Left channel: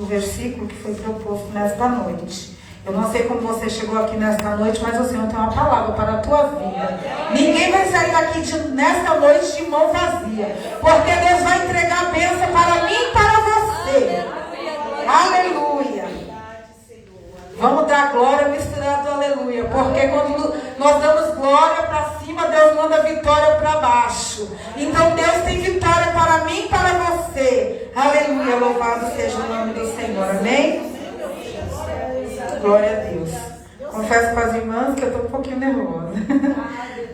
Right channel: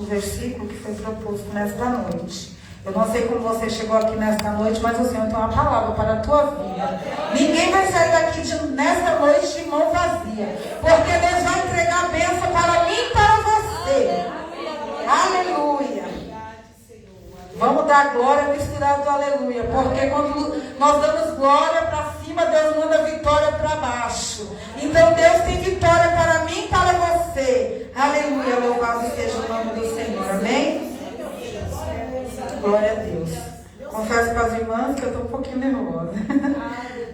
O versículo que foi proposto nesta noite. Eu não sei como você chegou aqui nesta noite, mas o Senhor tem uma palavra para a tua vida. Ninguém vai sair daqui nesta noite de mão vazia, porque Deus vai entregar a bênção para mim e para você. Aleluia. Vamos dar glória misturada do aleluia, porque quando nós damos glória para cima, Deus manda vitória para baixo. Então Deus tem vitória para mim e para você. Aleluia, louvado seja o nome do Senhor, amém? Glória a Deus. Confesso para as irmãs que eu estou um pouquinho nervosa.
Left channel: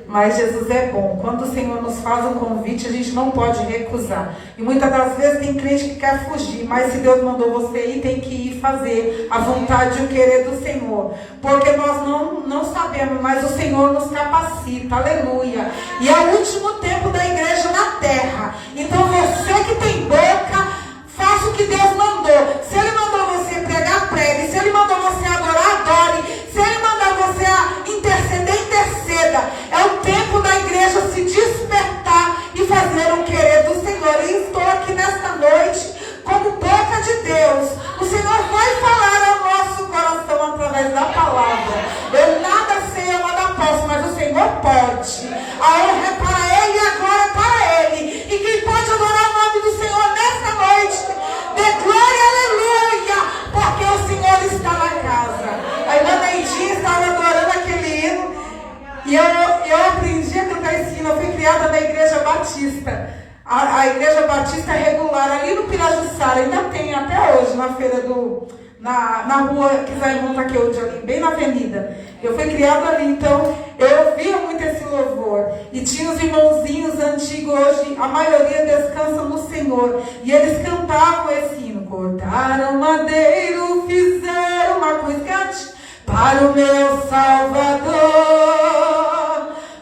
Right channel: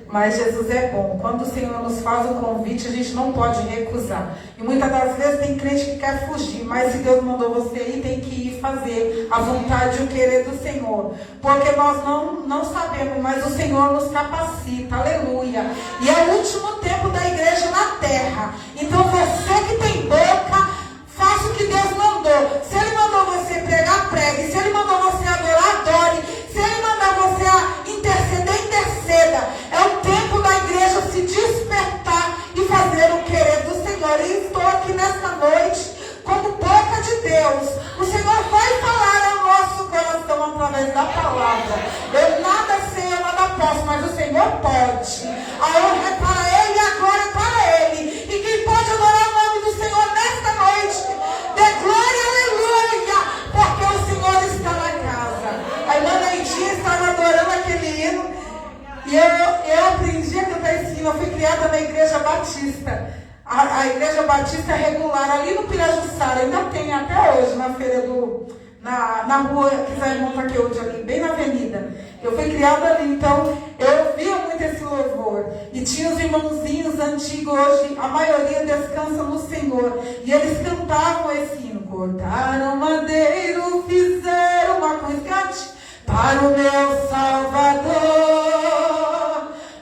Mas Jesus é bom. Quando o Senhor nos faz um convite, a gente não pode recusar. E muitas das vezes tem crente que quer fugir. Mas se Deus mandou você ir, tem que ir fazer a vontade e o querer do Senhor. Porque nós não sabemos, mas o Senhor nos capacita. Aleluia. E é o último tempo da igreja na terra. Então você que tem boca, faça o que Deus mandou. Se Ele mandou você pregar, pregue. Se Ele mandou você adorar, adore. Se Ele mandou você interceder, interceda. É o tempo da igreja se despertar e fazer o querer do Senhor. E estou aqui nesta noite como boca de Deus. O Senhor vai falar ao nosso coração através da palavra. Eu nada sei, eu nada posso, mas o Senhor pode. A honra é para Ele e a glória é para Ele. E quem pode adorar o nome do Senhor nesta noite, dê glória, aleluia, porque o Senhor está na casa. A irmã Neidinha estava adorando aquele hino. E eu aprendi a cantar esse hino. Eu fui criada na Igreja Batista. A Igreja Batista é regular, ali no Pirajussara, ainda tem até hoje, na feira na rua que Zé Montaqueude, ali, bem na avenida. Eu fui criada ali, então eu ouvia muito esse louvor. E tinha os irmãozinhos antigos, hoje a maioria descansa no Senhor. E eles cantavam esse hino. Cortaram madeiro, fizeram uma cruz para o meu Salvador.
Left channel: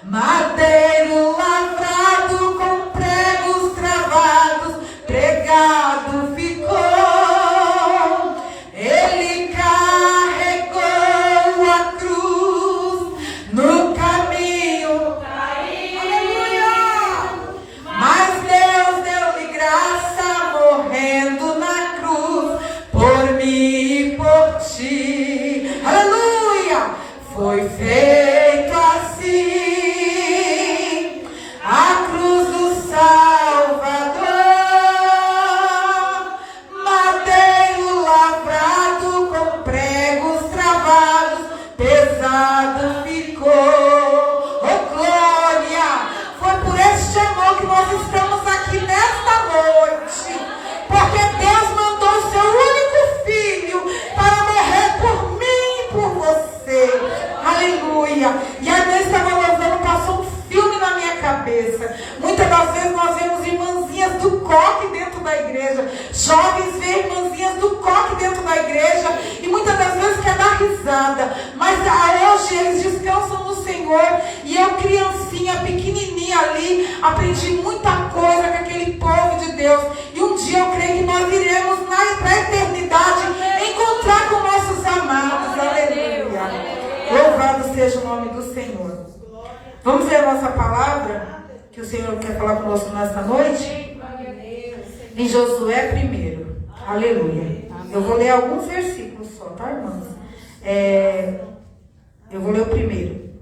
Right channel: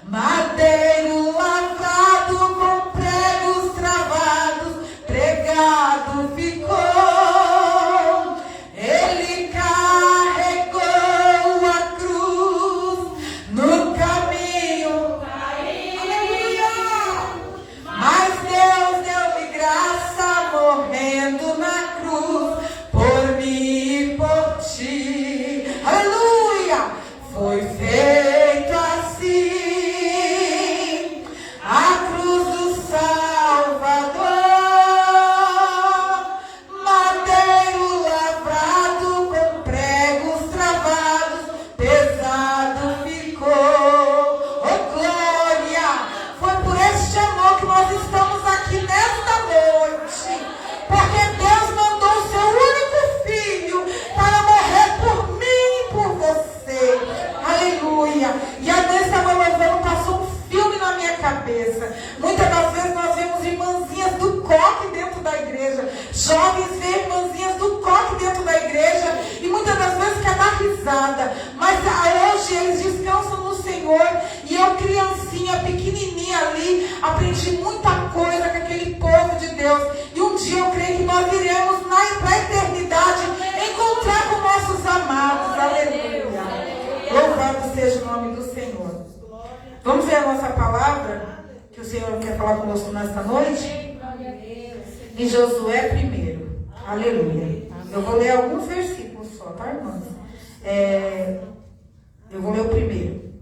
Madeiro lavrado com pregos travados, pregado ficou. Ele carregou a cruz no caminho. Mas Deus deu-lhe graça morrendo na cruz por mim e por ti. Aleluia! Foi feito assim. A cruz do Salvador, madeiro lavrado com pregos travados, pesado ficou. Oh glória! Foi por este amor que nós estamos aqui nesta noite, porque Deus mandou o seu único filho para morrer por mim e por você. Aleluia! E a Deus estava louvando, passou um filme na minha cabeça. Muitas das vezes nós vemos irmãzinhas do coque dentro da igreja. Jovens veem irmãzinhas do coque dentro da igreja e muitas das vezes quer dar risada. Mas hoje eles descansam no Senhor. E eu, criancinha, pequenininha ali, aprendi muita coisa com aquele povo de Deus. E um dia eu creio que nós iremos na eternidade encontrar com nossos amados. Aleluia. Louvado seja o nome do Senhor. Vamos ver a nossa palavra, que o Senhor quer falar conosco nesta noite? Em Josué 1. Aleluia. Eu vou ler alguns versículos só, tá, irmãos? Eu vou ler o primeiro.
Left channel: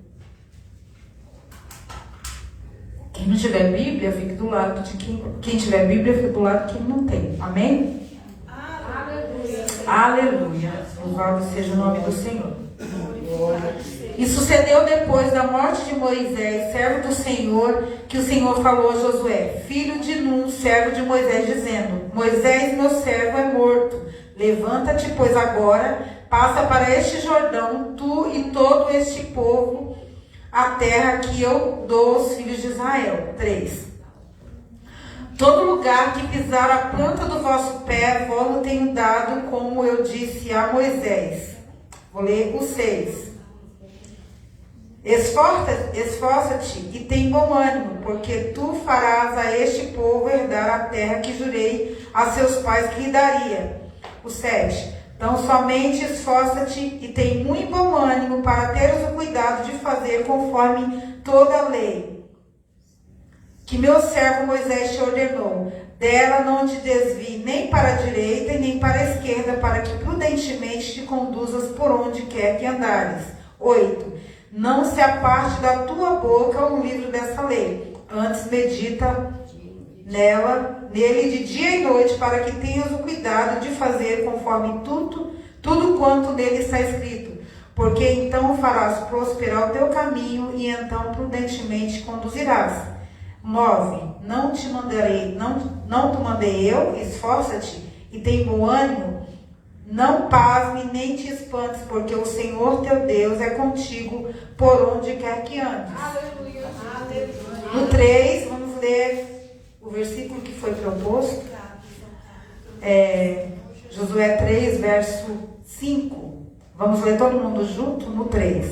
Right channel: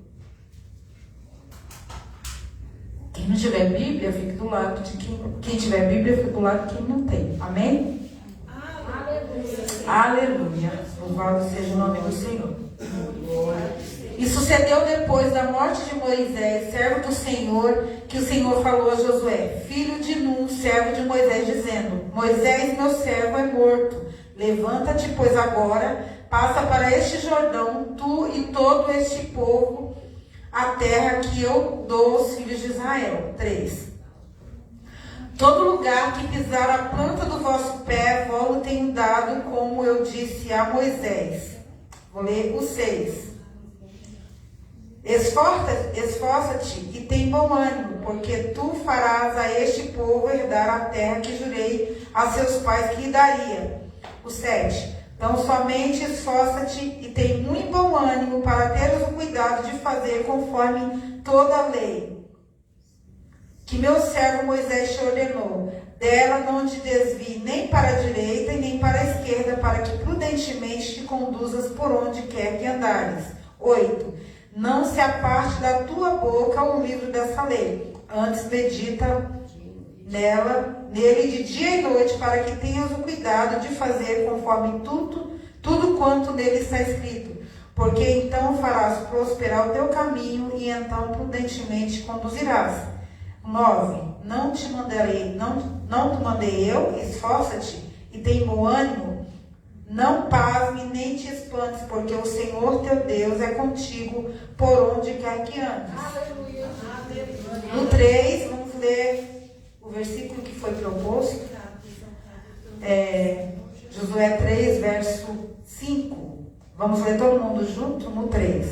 Quem não tiver Bíblia, fique do lado de quem tiver Bíblia, fique do lado de quem não tem. Amém? Aleluia. Louvado seja o nome do Senhor. E sucedeu depois da morte de Moisés, servo do Senhor, que o Senhor falou a Josué, filho de Nun, servo de Moisés, dizendo: Moisés, meu servo, é morto. Levanta-te, pois agora, passa para este Jordão, tu e todo este povo, a terra que eu dou aos filhos de Israel. 3. Todo lugar que pisar a planta do vosso pé, vou-lo tenho dado, como eu disse a Moisés. Vou ler o 6. Esforça-te e tem bom ânimo, porque tu farás a este povo herdar a terra que jurei a seus pais que lhe daria. O 7. Então somente esforça-te e tem muito bom ânimo para teres o cuidado de fazer conforme toda a lei que meu servo Moisés te ordenou. Dela não te desvie nem para a direita e nem para a esquerda, para que prudentemente te conduzas por onde quer que andares. 8. Não se aparte da tua boca o livro dessa lei. Antes medita nele de dia e noite, para que tenhas o cuidado de fazer conforme tudo quanto nele está escrito. Porque então farás prosperar o teu caminho e então prudentemente conduzirás. 9. Não te mandei eu, esforça-te e tem bom ânimo. Não pasme nem te espantes, porque o Senhor teu Deus é contigo por onde quer que andes. Aleluia. No 3, vamos ler o versículo que foi proposto. Josué 3, verso 5. Vamos ler todo mundo junto no 3.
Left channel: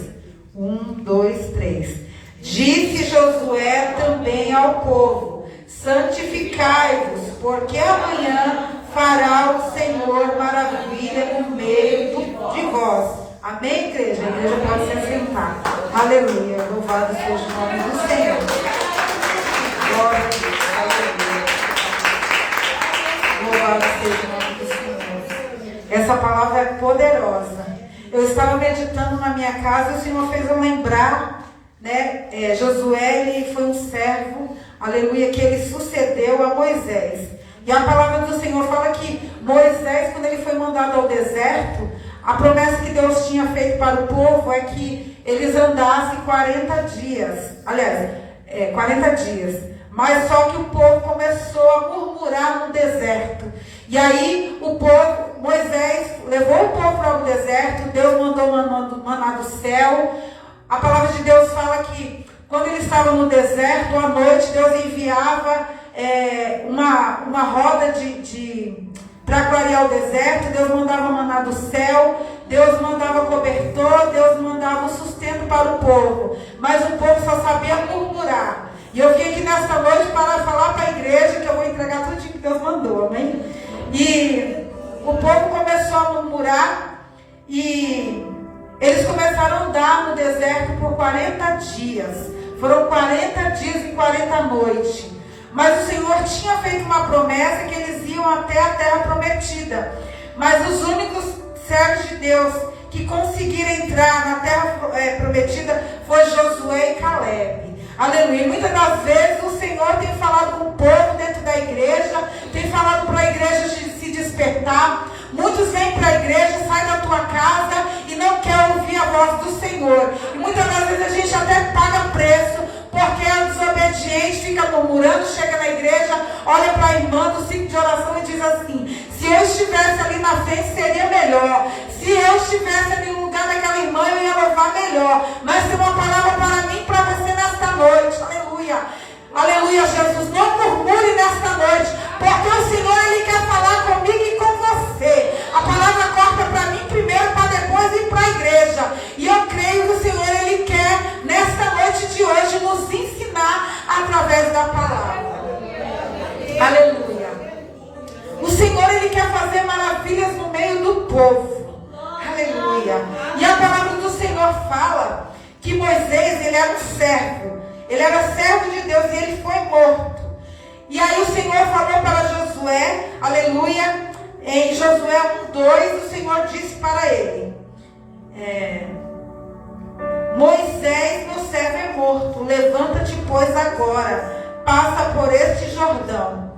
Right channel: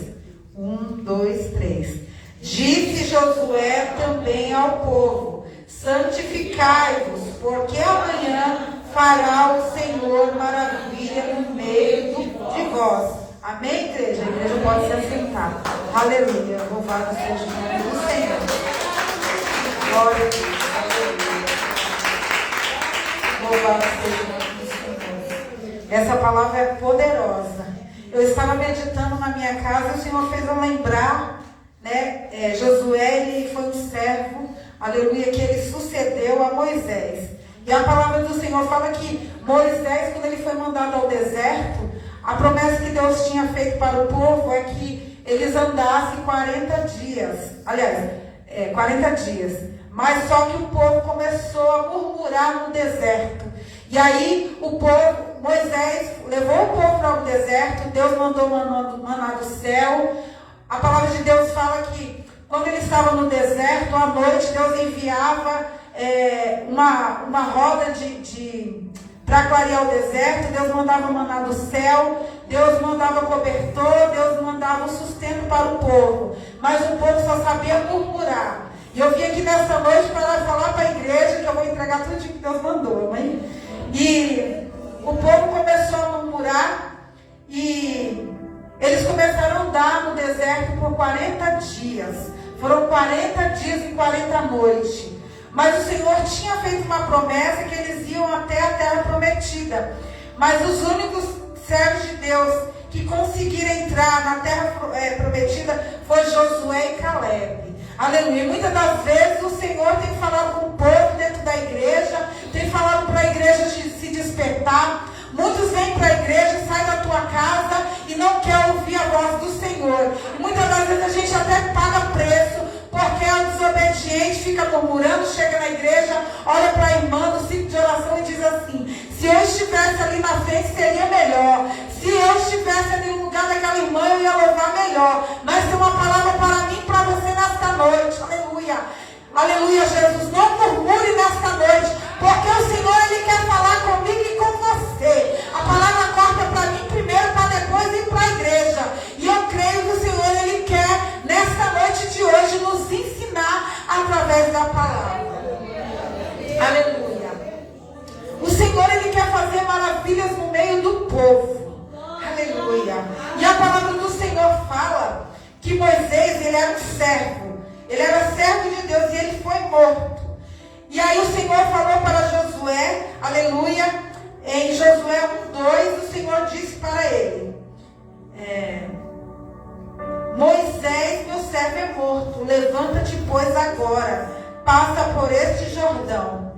1, 2, 3. Disse Josué também ao povo: santificai-vos, porque amanhã fará o Senhor maravilha no meio de vós. Amém, igreja? A igreja pode se assentar. Aleluia. Louvado seja o nome do Senhor. Glória a Deus. Aleluia. Louvado seja o nome do Senhor. Essa palavra é poderosa. Eu estava meditando na minha casa e o Senhor fez eu lembrar, Josué, ele foi um servo, aleluia, que ele sucedeu a Moisés. E a palavra do Senhor fala que Moisés, quando ele foi mandado ao deserto, a promessa que Deus tinha feito para o povo é que eles andassem 40 dias. Aliás, 40 dias. Mas só que o povo começou a murmurar no deserto. E aí Moisés levou o povo para o deserto, Deus mandou maná do céu. A palavra de Deus fala que quando eles estavam no deserto, à noite, Deus enviava uma roda para clarear o deserto. Deus mandava maná do céu, Deus mandava cobertor, Deus mandava o sustento para o povo. Mas o povo só sabia murmurar. E eu vim aqui nessa noite para falar para a igreja que eu vou entregar tudo que Deus mandou, amém? E o povo começou a murmurar e eles começaram a andar no deserto por 40 dias. Foram 40 dias e 40 noites. Mas o Senhor tinha feito uma promessa que eles iam até a terra prometida. Mas os únicos servos de Deus que conseguiram entrar na terra prometida foi Josué e Caleb. Aleluia. Muitas das vezes o Senhor tem falado com o povo dentro da igreja, tem falado para a igreja se despertar. Muitos vêm para a igreja, saem da tua casa e não quer ouvir a voz do Senhor. E muitas das vezes a gente até paga preço, porque é desobediente, fica murmurando, chega na igreja, olha para a irmã do ciclo de oração e diz assim: se eu estivesse ali na frente seria melhor. Se eu estivesse ali no lugar daquela irmã eu ia louvar melhor. Mas tem uma palavra para mim e para você nesta noite. Aleluia. Aleluia, Jesus. Não murmure nesta noite, porque o Senhor ele quer falar comigo e com você. A palavra corta para mim primeiro, para depois ir para a igreja. E eu creio que o Senhor ele quer nesta noite de hoje nos ensinar através da palavra. Aleluia. O Senhor ele quer fazer maravilhas no meio do povo. Aleluia. E a palavra do Senhor fala que Moisés ele era um servo. Ele era servo de Deus e ele foi morto. E aí o Senhor falou para Josué, aleluia, em Josué 1:2, o Senhor disse para ele: Moisés, meu servo, é morto. Levanta-te, pois, agora, passa por este Jordão.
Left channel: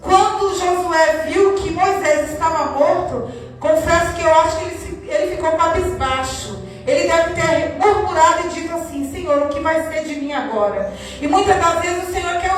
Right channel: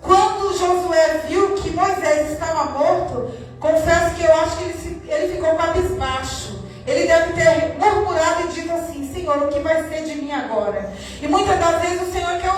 Quando Josué viu que Moisés estava morto, confesso que eu acho que ele ficou cabisbaixo. Ele deve ter murmurado e dito assim: Senhor, o que vai ser de mim agora? E muitas das vezes o Senhor quer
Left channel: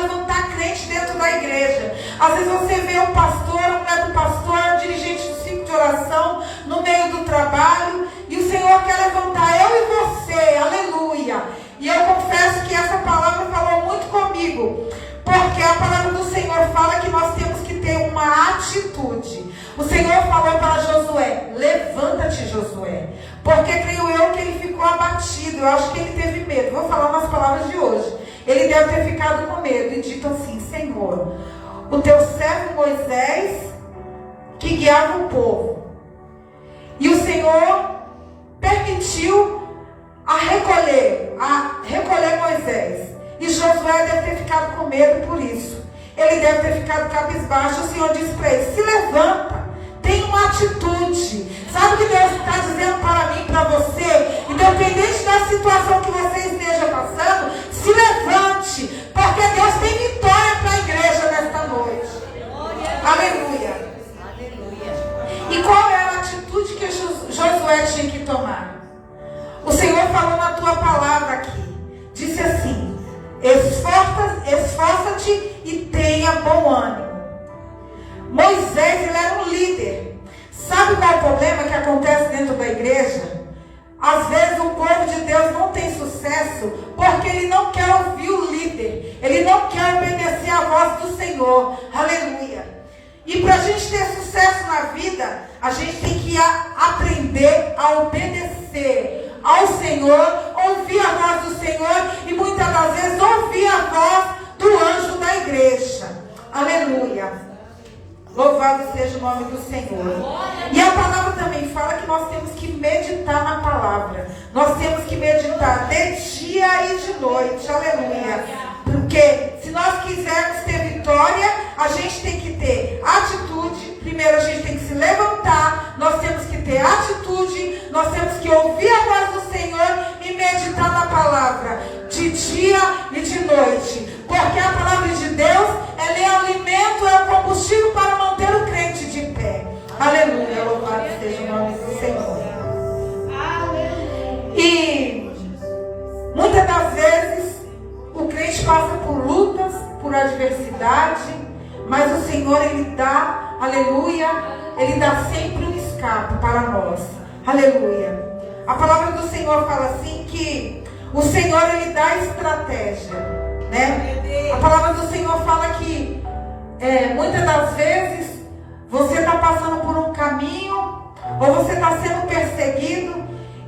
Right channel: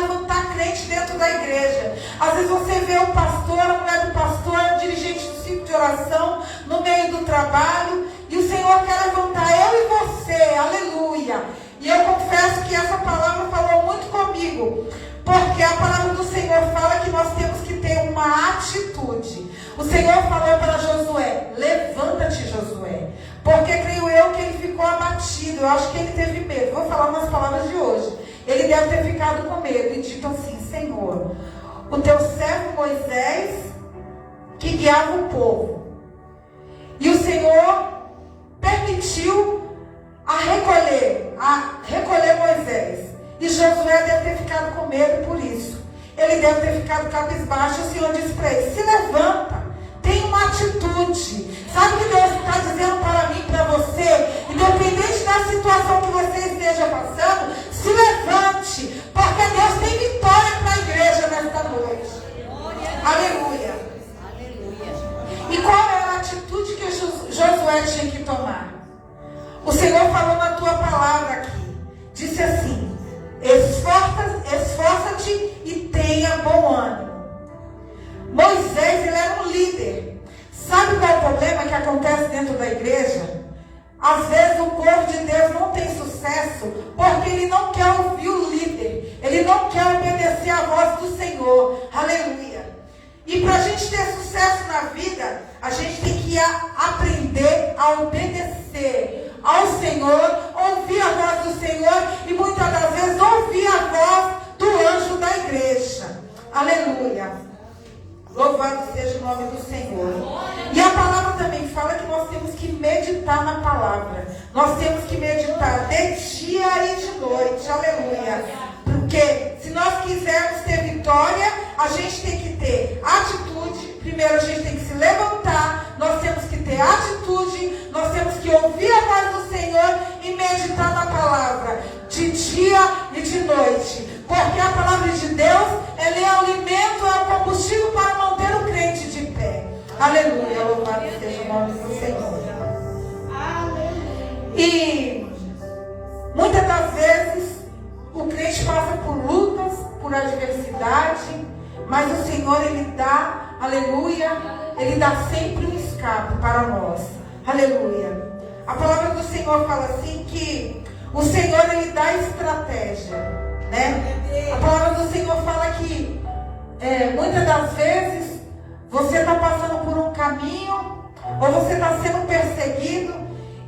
levantar crente dentro da igreja. Às vezes você vê um pastor, a mulher do pastor, um dirigente do ciclo de oração, no meio do trabalho, e o Senhor quer levantar eu e você, aleluia. E eu confesso que essa palavra falou muito comigo, porque a palavra do Senhor fala que nós temos que ter uma atitude. O Senhor falou para Josué: levanta-te, Josué. Porque creio eu que ele ficou abatido. Eu acho que ele teve medo. Vou falar nas palavras de hoje. Ele deve ter ficado com medo e dito assim: Senhor, o teu servo Moisés que guiava o povo, e o Senhor permitiu a recolher Moisés. E Josué deve ter ficado com medo por isso. Ele deve ter ficado cabisbaixo. O Senhor disse para ele: se levanta, tem uma atitude. Sabe o que Deus está dizendo para mim, para você? Independente da situação que você esteja passando, se levante, porque Deus tem vitória para a igreja nesta noite. Aleluia. Aleluia. E qual era a atitude que Josué tinha que tomar? O Senhor falou na tua palavra aqui. Disse assim: esforça-te e tenha bom ânimo. Moisés, ele era um líder. Sabe qual é o problema que acontece dentro da igreja? Às vezes o povo de Deus não tem sucesso porque ele não quer ouvir o líder. Ele não quer obedecer a voz do Senhor. Aleluia. E para a gente ter sucesso na vida, a gente tem que aprender a obedecer ao Senhor, ouvir a voz do Senhor e muitas das vezes ouvir a voz do anjo da igreja. Aleluia. Louvado seja o nome do Senhor. E a palavra também fala que nós temos que meditar na palavra. Nós temos que meditar de dia e de noite. Aleluia. Porque se nós quisermos ter vitória, a gente tem que ter atitude. Primeiro a gente tem que se levantar. Nós temos que ter atitude. Nós temos que ouvir a voz do Senhor e meditar na palavra de dia e de noite. Porque a palavra de Deus, ela é o alimento, é o combustível para manter o crente de pé. Aleluia, louvado seja o nome do Senhor. E muitas das vezes o crente passa por lutas, por adversidade, mas o Senhor, ele dá, aleluia, ele dá sempre um escape para nós. Aleluia. A palavra do Senhor fala assim que o Senhor, ele dá estratégia, né? A palavra do Senhor fala que muitas das vezes você está passando por um caminho, ou você está sendo perseguido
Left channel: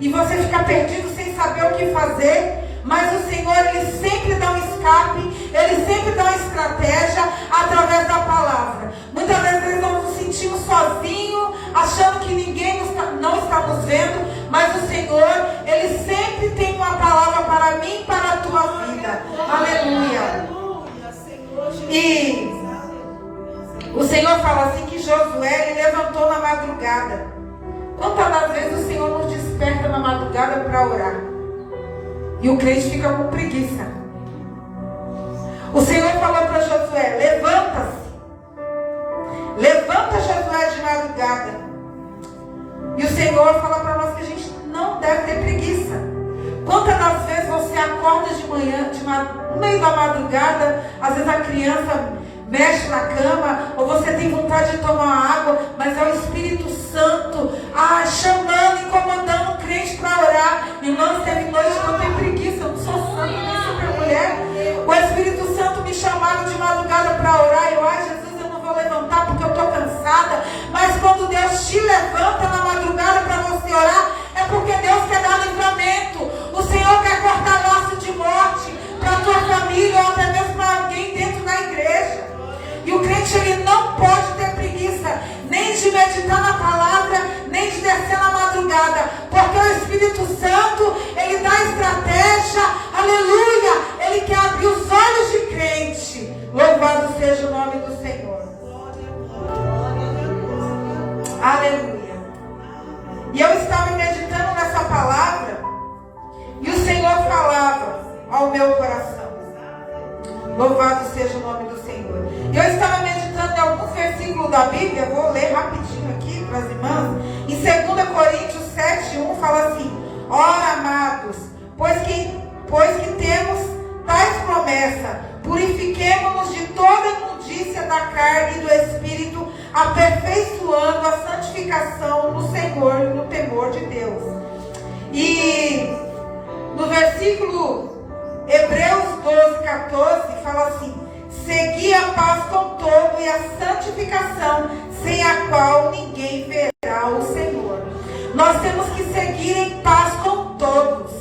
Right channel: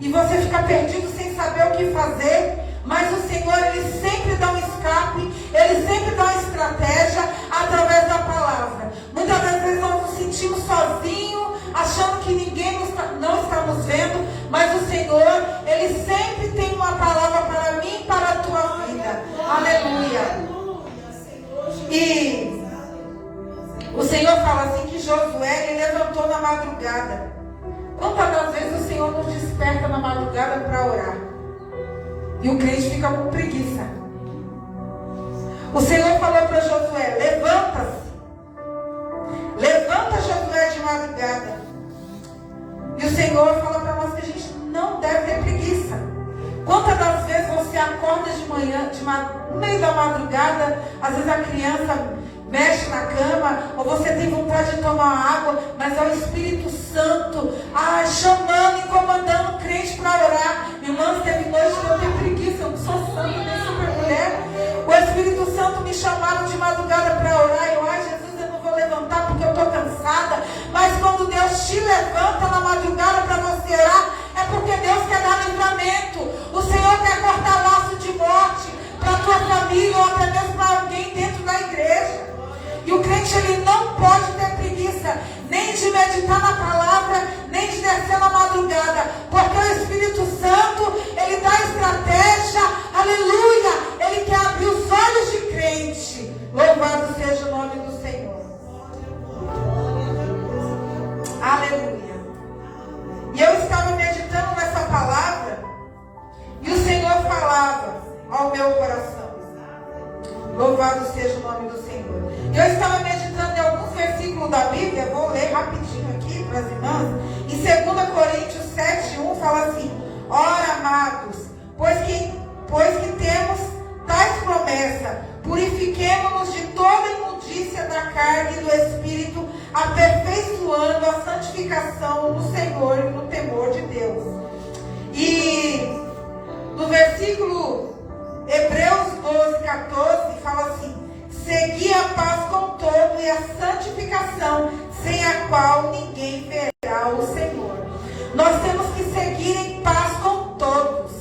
e você fica perdido sem saber o que fazer, mas o Senhor, ele sempre dá um escape, ele sempre dá uma estratégia através da palavra. Muitas vezes nós nos sentimos sozinhos, achando que ninguém não está nos vendo, mas o Senhor, ele sempre tem uma palavra para mim e para a tua vida. Aleluia. E o Senhor fala assim que Josué, ele levantou na madrugada. Quantas das vezes o Senhor nos desperta na madrugada para orar? E o crente fica com preguiça. O Senhor falou para Josué: levanta-se. Levanta, Josué, de madrugada. E o Senhor fala para nós que a gente não deve ter preguiça. Quantas das vezes você acorda de manhã, no meio da madrugada, às vezes a criança mexe na cama, ou você tem vontade de tomar água, mas é o Espírito Santo chamando e comandando o crente para orar. Irmãos, teve noite que eu tenho preguiça, eu não sou santa, nem super mulher. O Espírito Santo me chamaram de madrugada para orar, Jesus, eu não vou levantar porque eu estou cansada. Mas quando Deus te levanta na madrugada para você orar, é porque Deus quer dar livramento. O Senhor quer cortar laço de morte para a tua família, ou até mesmo para alguém dentro da igreja. E o crente, ele não pode ter preguiça, nem de meditar na palavra, nem de descer na madrugada, porque o Espírito Santo, ele dá estratégia, aleluia, ele quer abrir os olhos de crente. Louvado seja o nome do Senhor. Aleluia. E eu estava meditando nessa palavra, e o Senhor falava ao meu coração. Louvado seja o nome do Senhor. Eu estava meditando em alguns versículos da Bíblia, vou ler rapidinho aqui para as irmãs. Em 2 Coríntios 7:1 fala assim: ora, amados, pois que temos tais promessas, purifiquemo-nos de toda imundícia da carne e do Espírito, aperfeiçoando a santificação no Senhor e no temor de Deus. E no versículo Hebreus 12:14 fala assim: segui a paz com todo e a santificação, sem a qual ninguém verá o Senhor. Nós temos que seguir em paz com todos.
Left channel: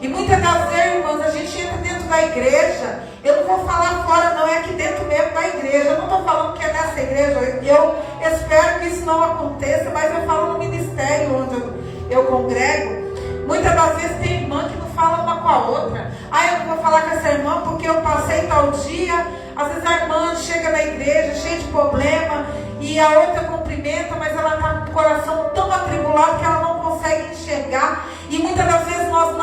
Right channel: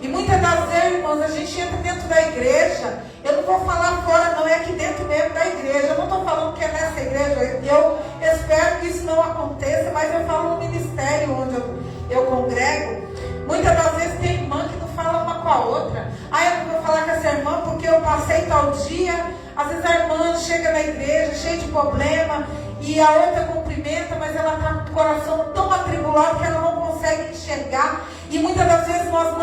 E muitas das vezes, irmãos, a gente entra dentro da igreja. Eu não vou falar fora, não, é aqui dentro mesmo da igreja. Eu não estou falando que é nessa igreja. Eu espero que isso não aconteça, mas eu falo no ministério onde eu congrego. Muitas das vezes tem irmã que não fala fala uma com a outra. Eu não vou falar com essa irmã porque eu passei tal dia. Às vezes a irmã chega na igreja cheia de problema e a outra cumprimenta, mas ela está com o coração tão atribulado que ela não consegue enxergar. E muitas das vezes nós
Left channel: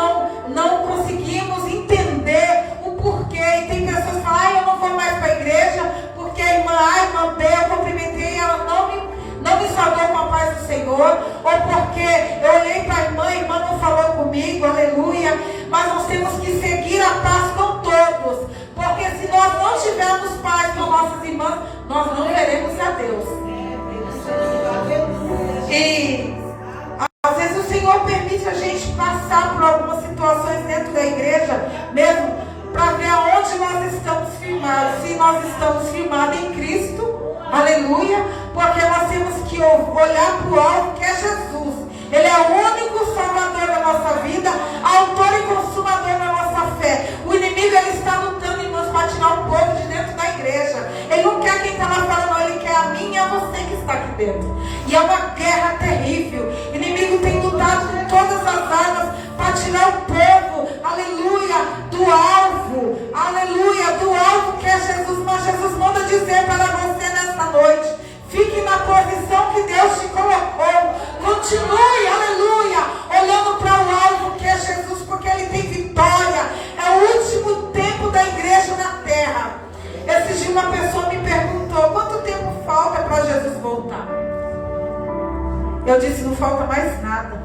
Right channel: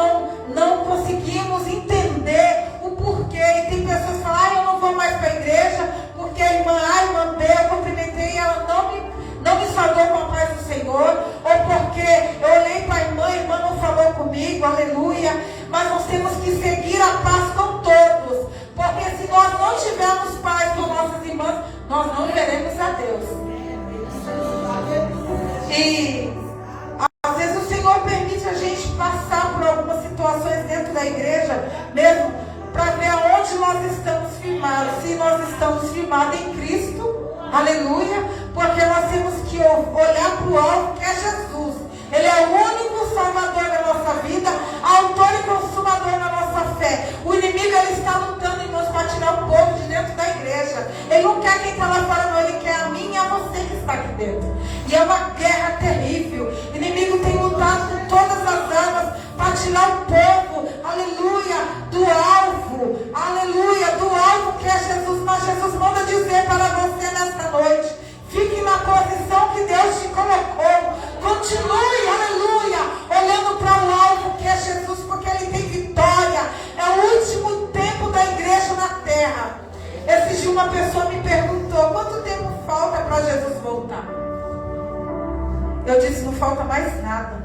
não conseguimos entender o porquê. E tem pessoas que falam, eu não vou mais para a igreja porque a irmã A, a irmã B, eu cumprimentei e ela não me saudou com a paz do Senhor, ou porque eu olhei para a irmã não falou comigo, aleluia. Mas nós temos que seguir a paz com todos, porque se nós não tivermos paz com nossas irmãs, nós não veremos a Deus. E às vezes o Senhor permite a gente passar por algumas situações dentro da igreja, mesmo para ver aonde nós estamos firmados, se nós estamos firmados em Cristo, aleluia, porque nós temos que olhar para o alvo que é Jesus. Ele é o único salvador da nossa vida, autor e consumador da nossa fé. O inimigo, ele está lutando, irmãos, para tirar o povo de dentro da igreja. Ele não quer quem está lá fora, não. Ele quer a mim e a você que está aqui dentro. E é uma guerra terrível. O inimigo tem lutado com todas as armas para tirar o povo, aleluia, do alvo. Aleluia, do alvo que é Jesus. Mas Jesus manda dizer para você nessa noite: fique na posição que Deus te colocou. Continue, aleluia, olhando para o alvo que é Jesus, porque Ele tem vitória. É o último tempo da igreja na terra. Esse dia uma pessoa me perguntou: quanto tempo falta para Jesus voltar? Eu disse: não falta mais nada.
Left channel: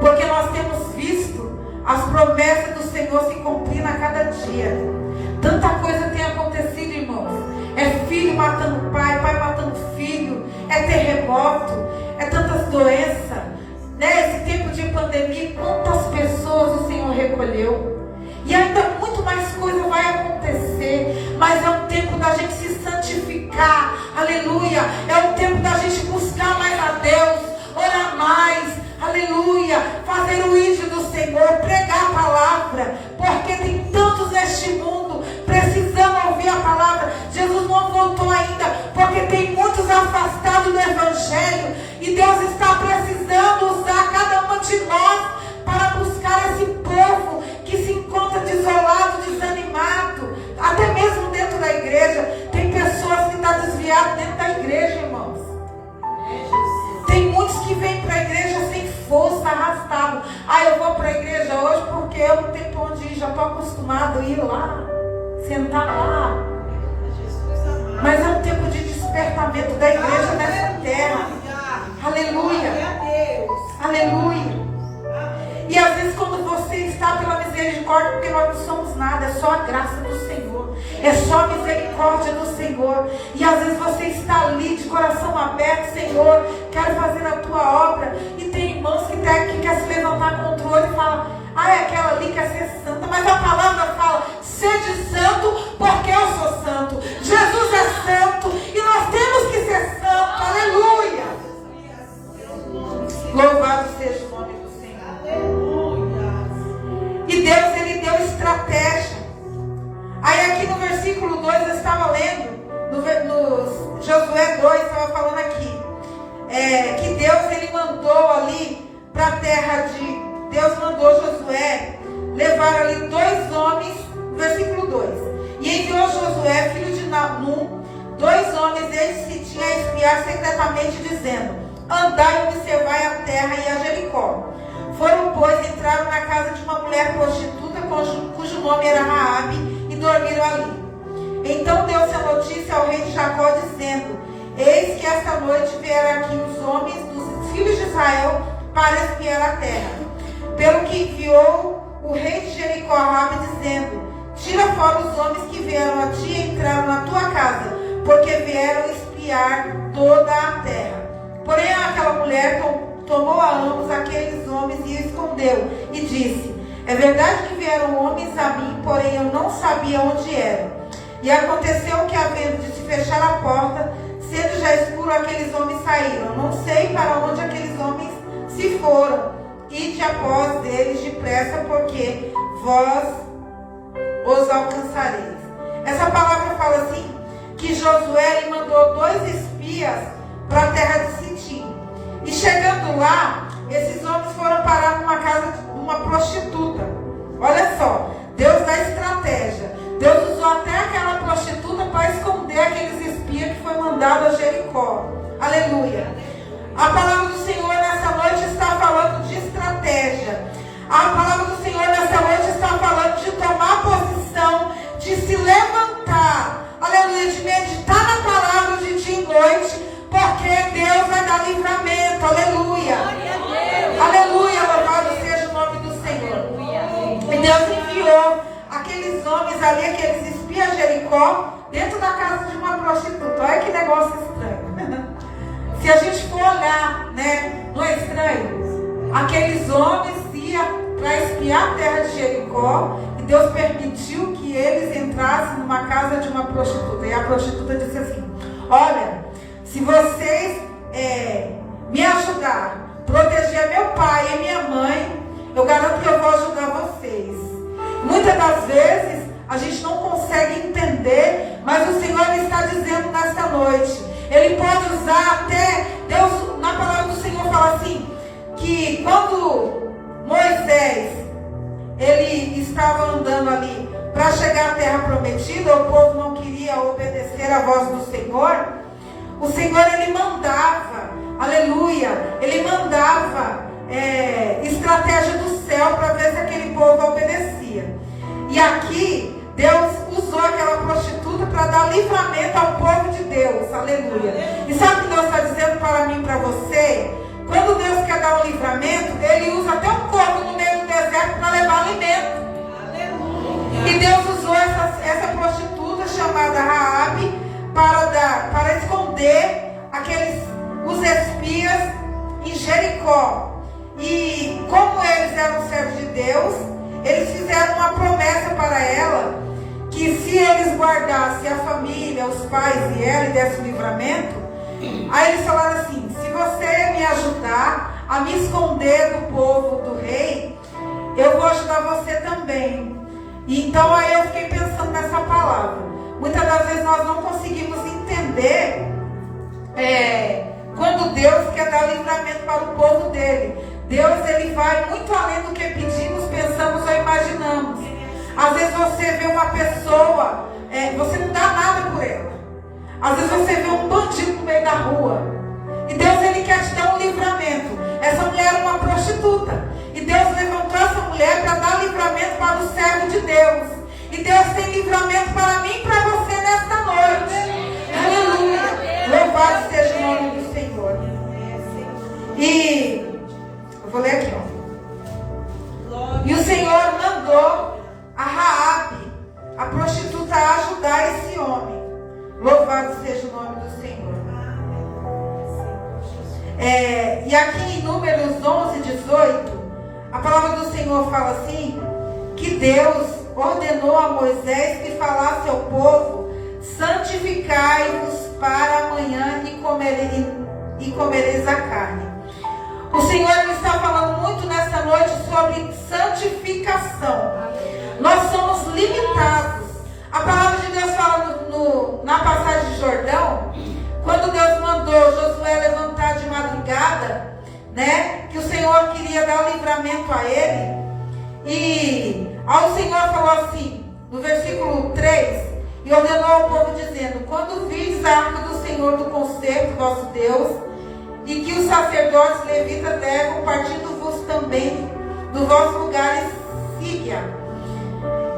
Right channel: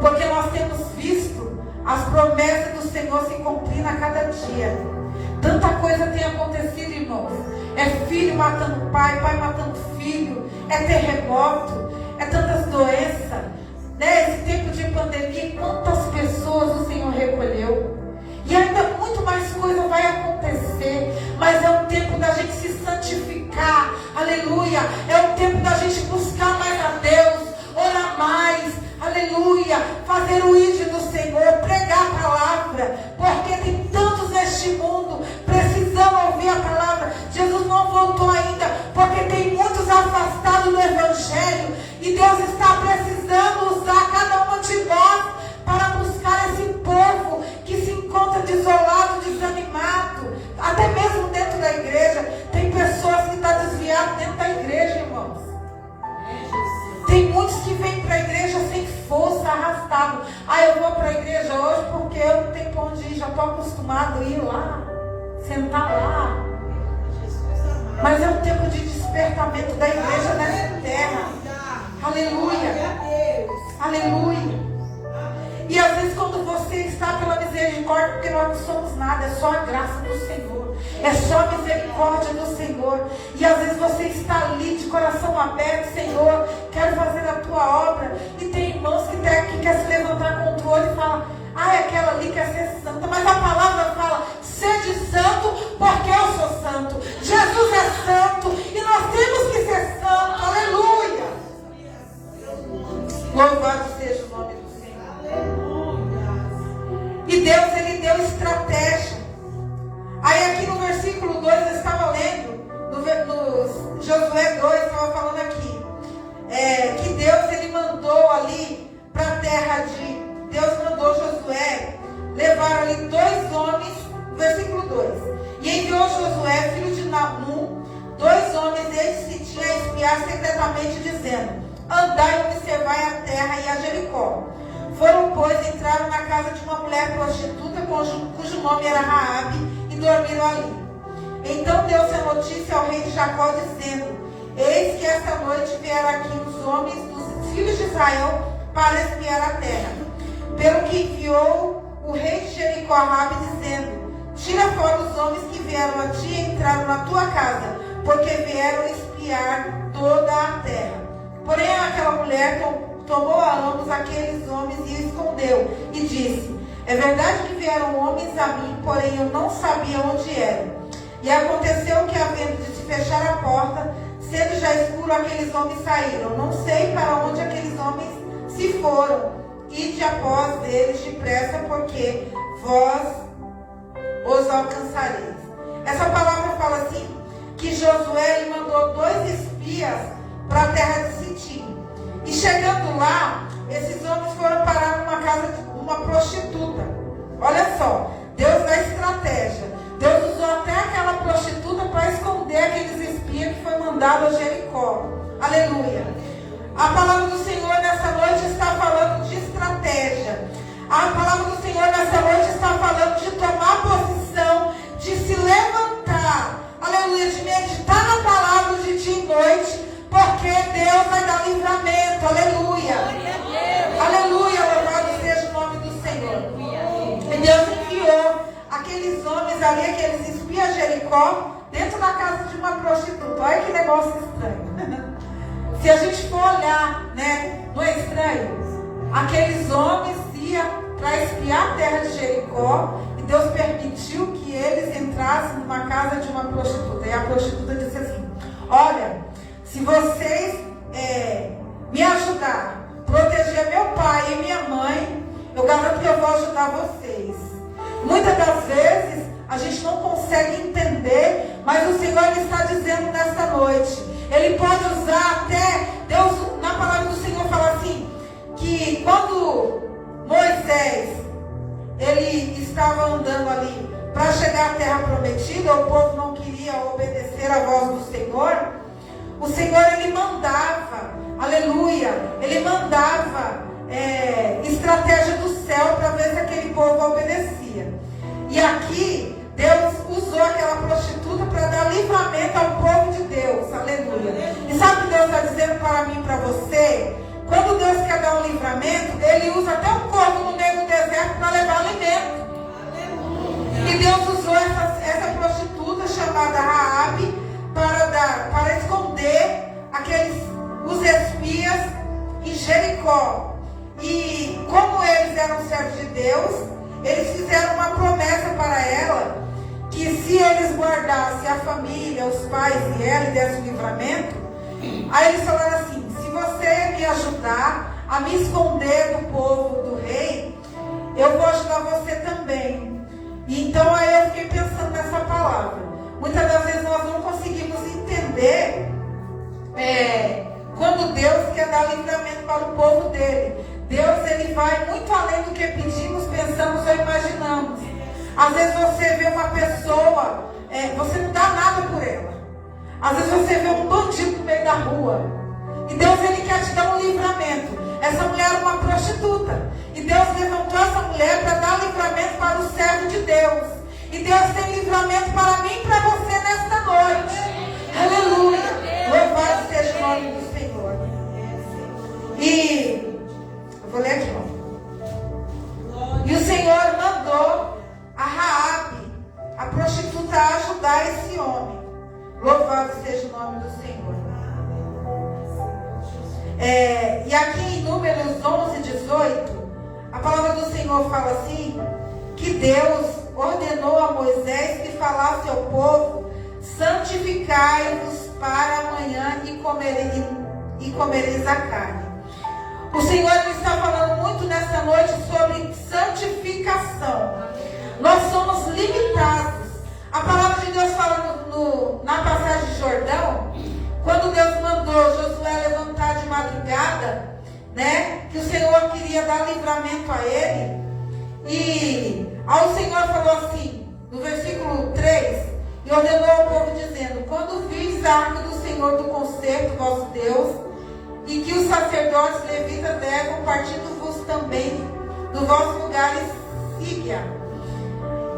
Porque nós temos visto as promessas do Senhor se cumprindo a cada dia. Tanta coisa tem acontecido, irmãos. É filho matando pai, pai matando filho, é terremoto, é tantas doenças, né? Esse tempo de pandemia, quantas pessoas o Senhor recolheu. E ainda muito mais coisa vai acontecer, mas é um tempo da gente se santificar, aleluia. É um tempo da gente buscar mais a Deus, orar mais, aleluia, fazer o ídolo do Senhor, pregar a palavra, porque tem tantos neste mundo precisando ouvir a palavra. Jesus não voltou ainda, porque tem muitos afastados do Evangelho, e Deus está precisando usar cada uma de nós para buscar esse povo que se encontra desolado, desanimado, até mesmo dentro da igreja. Tem pessoas que estão desviadas dentro da igreja, irmãos. Tem muitos que vêm para a igreja sem força, arrastado. Eu vou para a igreja hoje porque eu não tenho para onde ir, já estou acostumado a ir lá, sentar lá. Mas é um tempo de despertamento da igreja nessa terra. Aleluia. Aleluia. E às vezes quando você está pela misericórdia, porque nós não somos nada, é só a graça do Senhor, é só a misericórdia do Senhor. E às vezes você está ali de coração aberto: Senhor, quero fazer a tua obra. E tem irmãos que quer se levantar contra o outro e fala: é aquela ali quer ser santa. Mas a palavra fala: sede santo, porque eu sou santo. Jesus é santo e nós temos que ser santos. Aleluia. Louvado seja o nome do Senhor. E Deus, Ele deu estratégia. Aí aqui no versículo 2 eu estava lendo, no Josué 2, estava falando aqui, que Deus, Ele mandou ali para a terra de... Deus mandou Josué levar ali 2 homens, versículo 2. E enviou Josué, filho de Num, 2 homens, eles que tinham a espiar secretamente, dizendo: andai e observai a terra e a Jericó. Foram, pois, entraram na casa de uma mulher prostituta, cujo nome era Raabe, e dormiram ali. Então deu-se a notícia ao rei de Jacó, dizendo: eis que esta noite vieram aqui os homens dos filhos de Israel para espiar a terra. Pelo que enviou o rei de Jericó a Raabe, dizendo: tira fora os homens que vieram a ti e entraram na tua casa, porque vieram espiar toda a terra. Porém aquela mulher tomou a ambos aqueles homens e escondeu, e disse: é verdade que vieram homens a mim, porém eu não sabia onde eram. E aconteceu que, havendo de se fechar a porta, sendo já escuro, aqueles homens saíram. Não sei para onde aqueles homens se foram. Ide após deles depressa, porque vós os alcançareis. Essa palavra fala assim, que Josué lhe mandou 2 espias para a terra de Sitim. E chegando lá, esses homens foram parar numa casa de uma prostituta, A palavra do Senhor nessa noite está falando de estratégia. A palavra do Senhor nessa noite está falando de tomar posição, de se levantar, aleluia, de meditar na palavra de dia e noite, porque Deus vai dar livramento, aleluia. Aleluia, louvado seja o nome do Senhor. E Deus enviou aqueles homens ali, aqueles espias de Jericó, dentro da casa de uma prostituta. Olha que negócio estranho. Se a gente for olhar, né, não é estranho? Aqueles homens iam para espiar a terra de Jericó, e Deus permitiu que eles entrassem numa casa de uma prostituta. E a prostituta disse assim: olha, se vocês me ajudar a proteger meu pai e minha mãe, eu garanto que eu vou ajudar vocês. Muitas das vezes a gente não consegue entender, mas o Senhor está dizendo nesta noite. Ele pode usar até, Deus, na palavra do Senhor fala assim, que quando Moisés, ele estava andando ali para chegar à terra prometida, o povo não queria obedecer à voz do Senhor. O Senhor, ele mandava, aleluia, ele mandava estratégia do céu para ver se aquele povo obedecia. E aqui, Deus usou aquela prostituta para dar livramento ao povo de Deus, aleluia. E sabe o que Deus está dizendo para mim e para você? Quando Deus quer dar um livramento, Ele usa até um corvo no meio do deserto para levar alimento. E Deus usou essa prostituta chamada Raabe para esconder os espias em Jericó. E como eles eram servos de Deus, eles fizeram uma promessa para ela, que se eles guardassem a família, os pais e ela, e desse o livramento, aí eles falaram assim: se você me ajudar a me esconder do povo do rei, eu vou ajudar você também. E então aí eu fiquei pensando nessa palavra. Muitas das vezes nós não conseguimos entender quando Deus quer dar livramento para o povo dele. Deus, ele vai muito além do que pedimos, pensamos ou imaginamos. Às vezes você vê uma pessoa, você não dá nada por ela. Às vezes você vê um bandido no meio da rua, e Deus, ele quer te dar um livramento. Essa mulher era uma prostituta, e Deus levantou essa mulher para dar livramento para o servo de Deus. E Deus tem livramento para mim e para você nesta noite. Aleluia. Louvado seja o nome do Senhor. E eu vou ler aqui, ó. E o Senhor mandou a Raabe, a prostituta, a ajudar esse homem. Louvado seja o nome do Senhor. E aqui em Números 11, 18, a palavra do Senhor fala assim, que Deus ordenou a Moisés que falasse ao povo: santificai-vos para amanhã e comereis a carne. O Senhor está falando muito nessa noite sobre santificação. Nós somos limitados. A palavra de Deus fala na passagem de Jordão, quando Deus mandou Josué levantar de madrugada, né, que o Senhor queria dar livramento a ele. E ao Senhor falou assim, no versículo 3, e ordenou ao povo dizendo: quando vis a arca do Senhor do concerto, vosso Deus, e que os sacerdotes levitas devem partindo-vos também do vosso lugar e siga.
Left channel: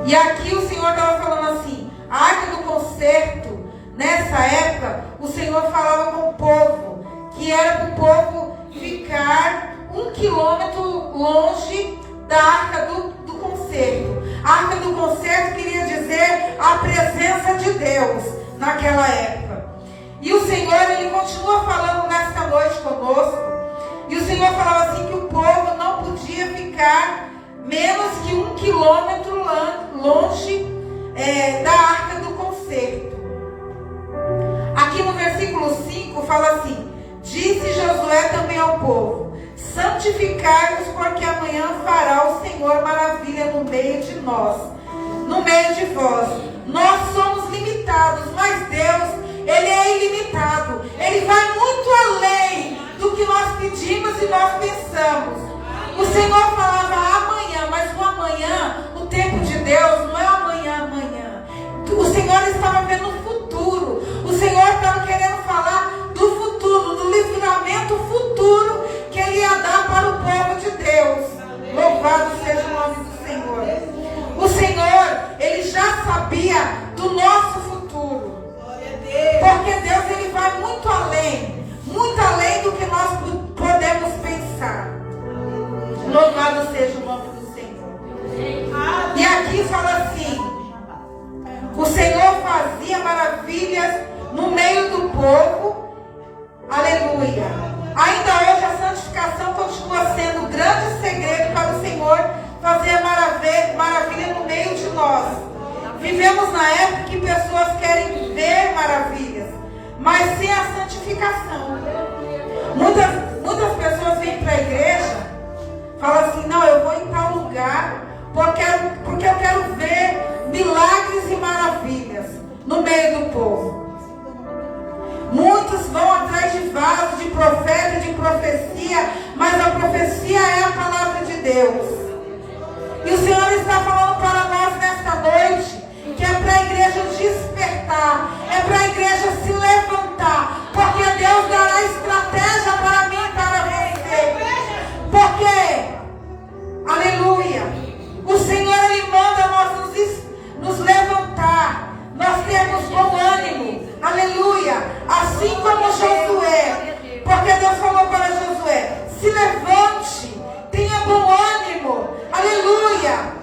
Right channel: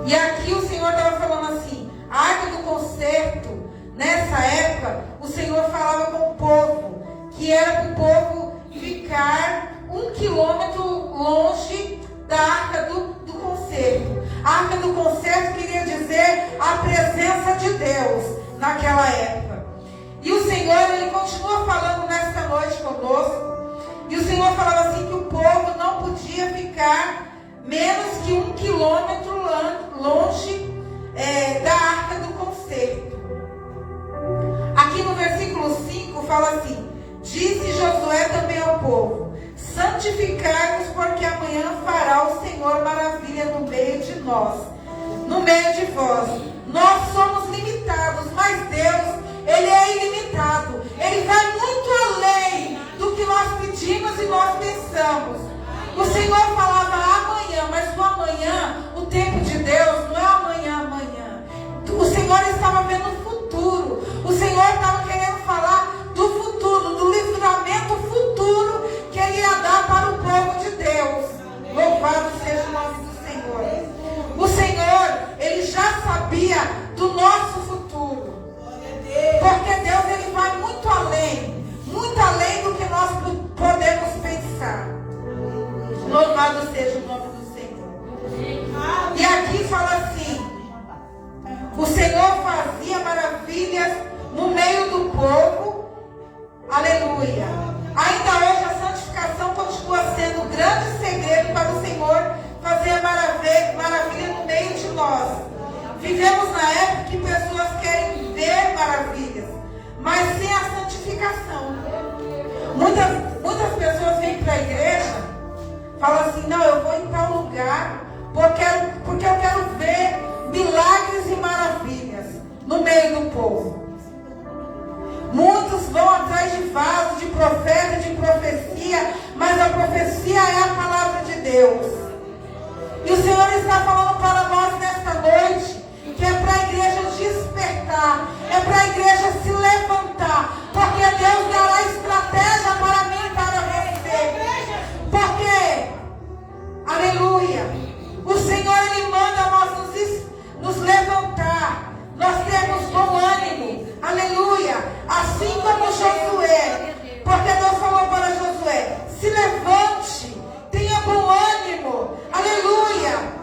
E aqui o Senhor estava falando assim, a arca do concerto, nessa época, o Senhor falava com o povo, que era para o povo ficar 1 quilômetro longe da arca do concerto. A arca do concerto queria dizer a presença de Deus naquela época. E o Senhor, ele continua falando nesta noite conosco. E o Senhor falava assim que o povo não podia ficar menos que 1 quilômetro longe da arca do concerto. Aqui no versículo 5 fala assim: disse Josué também ao povo: santificai-vos, porque amanhã fará o Senhor maravilha no meio de nós, no meio de vós. Nós somos limitados, mas Deus, ele é ilimitado. Ele vai muito além do que nós pedimos e nós pensamos. O Senhor falava amanhã, mas o amanhã, o tempo de Deus não é amanhã. O Senhor estava vendo o futuro. O Senhor estava querendo falar do futuro, do livramento futuro. maravilha no meio de nós. Vivemos na época que pessoas querem ver maravilhas, mas sem a santificação. Muitas pessoas vêm para a igreja, falam assim: não, eu vou em tal lugar porque eu quero ver milagres e maravilhas no meio do povo. Muitos vão atrás de vasos, de profeta, de profecia, mas a profecia é a palavra de Deus. E o Senhor está falando para nós nesta noite que é para a igreja despertar, é para a igreja se levantar, porque Deus dará estratégia para mim e para você. Porque, aleluia, o Senhor Ele manda nós nos levantar, nós temos bom ânimo, aleluia, assim como Josué, porque Deus falou para Josué: se levante, tenha bom ânimo, aleluia,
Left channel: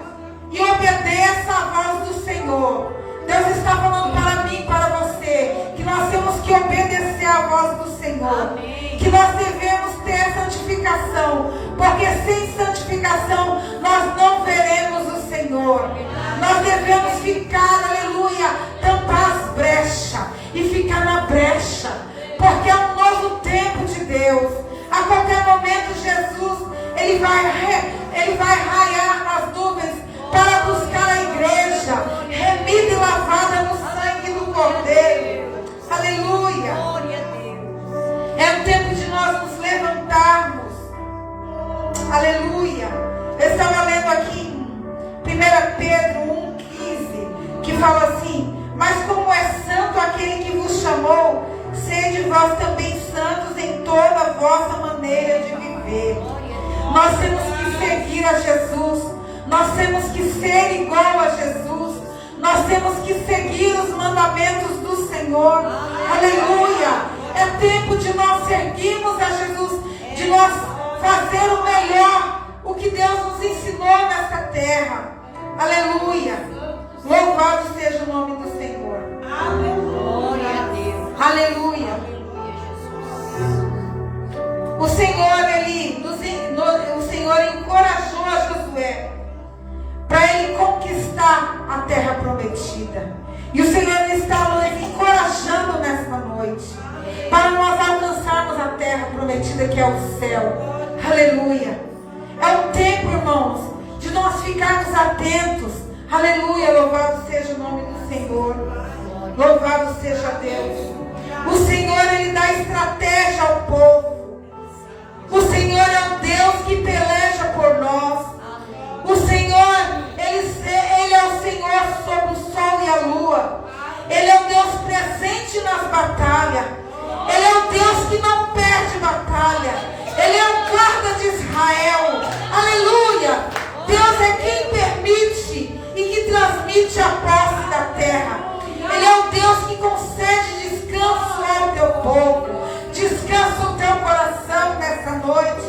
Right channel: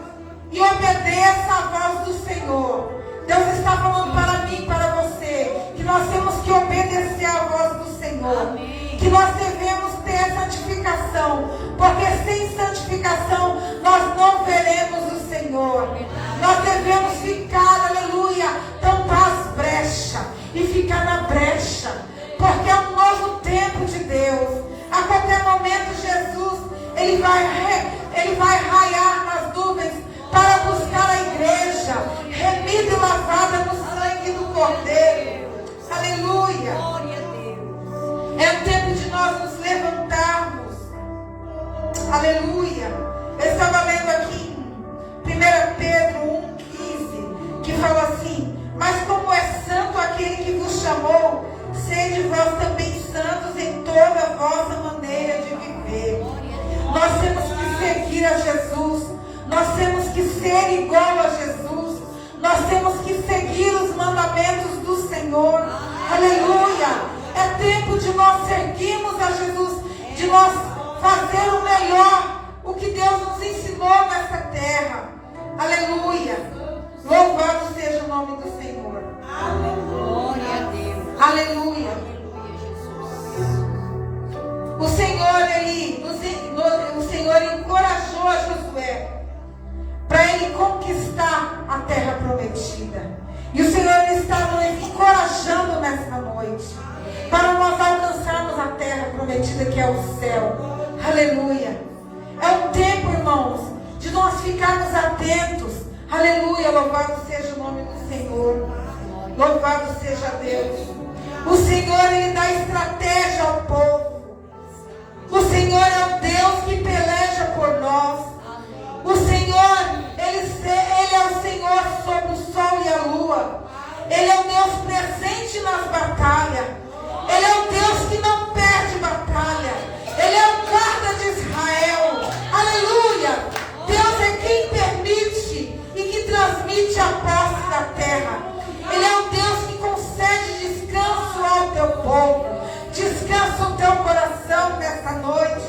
e obedeça a voz do Senhor. Deus está falando para mim e para você que nós temos que obedecer a voz do Senhor. Amém. Que nós devemos ter santificação, porque sem santificação nós não veremos o Senhor. Nós devemos ficar, aleluia, tampar as brechas e ficar na brecha, porque é um novo tempo de Deus. A qualquer momento Jesus ele vai raiar nas nuvens para buscar a igreja remida e lavada no sangue do Cordeiro. Aleluia. É o tempo de nós nos levantarmos. Aleluia. Eu estava lendo aqui em 1 Pedro 1,15, que fala assim: mas como é santo aquele que vos chamou, sede vós também santos em toda a vossa maneira de viver. Nós temos que seguir a Jesus. Nós temos que ser igual a Jesus. Nós temos que seguir os mandamentos do Senhor. Aleluia. É tempo de nós seguirmos a Jesus, de nós fazer o melhor, o que Deus nos ensinou nessa terra. Aleluia. Louvado seja o nome do Senhor. Glória a Deus. Aleluia. Aleluia, Jesus. O Senhor encorajou a Josué para ele conquistar a terra prometida. E o Senhor está nos encorajando nesta noite para nós alcançarmos a terra prometida, que é o céu. Aleluia. É um tempo, irmãos, de nós ficarmos atentos. Aleluia. Louvado seja o nome do Senhor. Louvado seja Deus. O Senhor, Ele dá estratégia ao povo. O Senhor é o Deus que peleja por nós. O Senhor, Ele é o Senhor sobre o sol e a lua. Ele é o Deus presente nas batalhas. Ele é o Deus que não perde batalha. Ele é o guarda de Israel. Aleluia. Deus é quem permite e que transmite a posse da terra. Ele é o Deus que concede descanso ao teu povo. Descansa o teu coração nessa noite.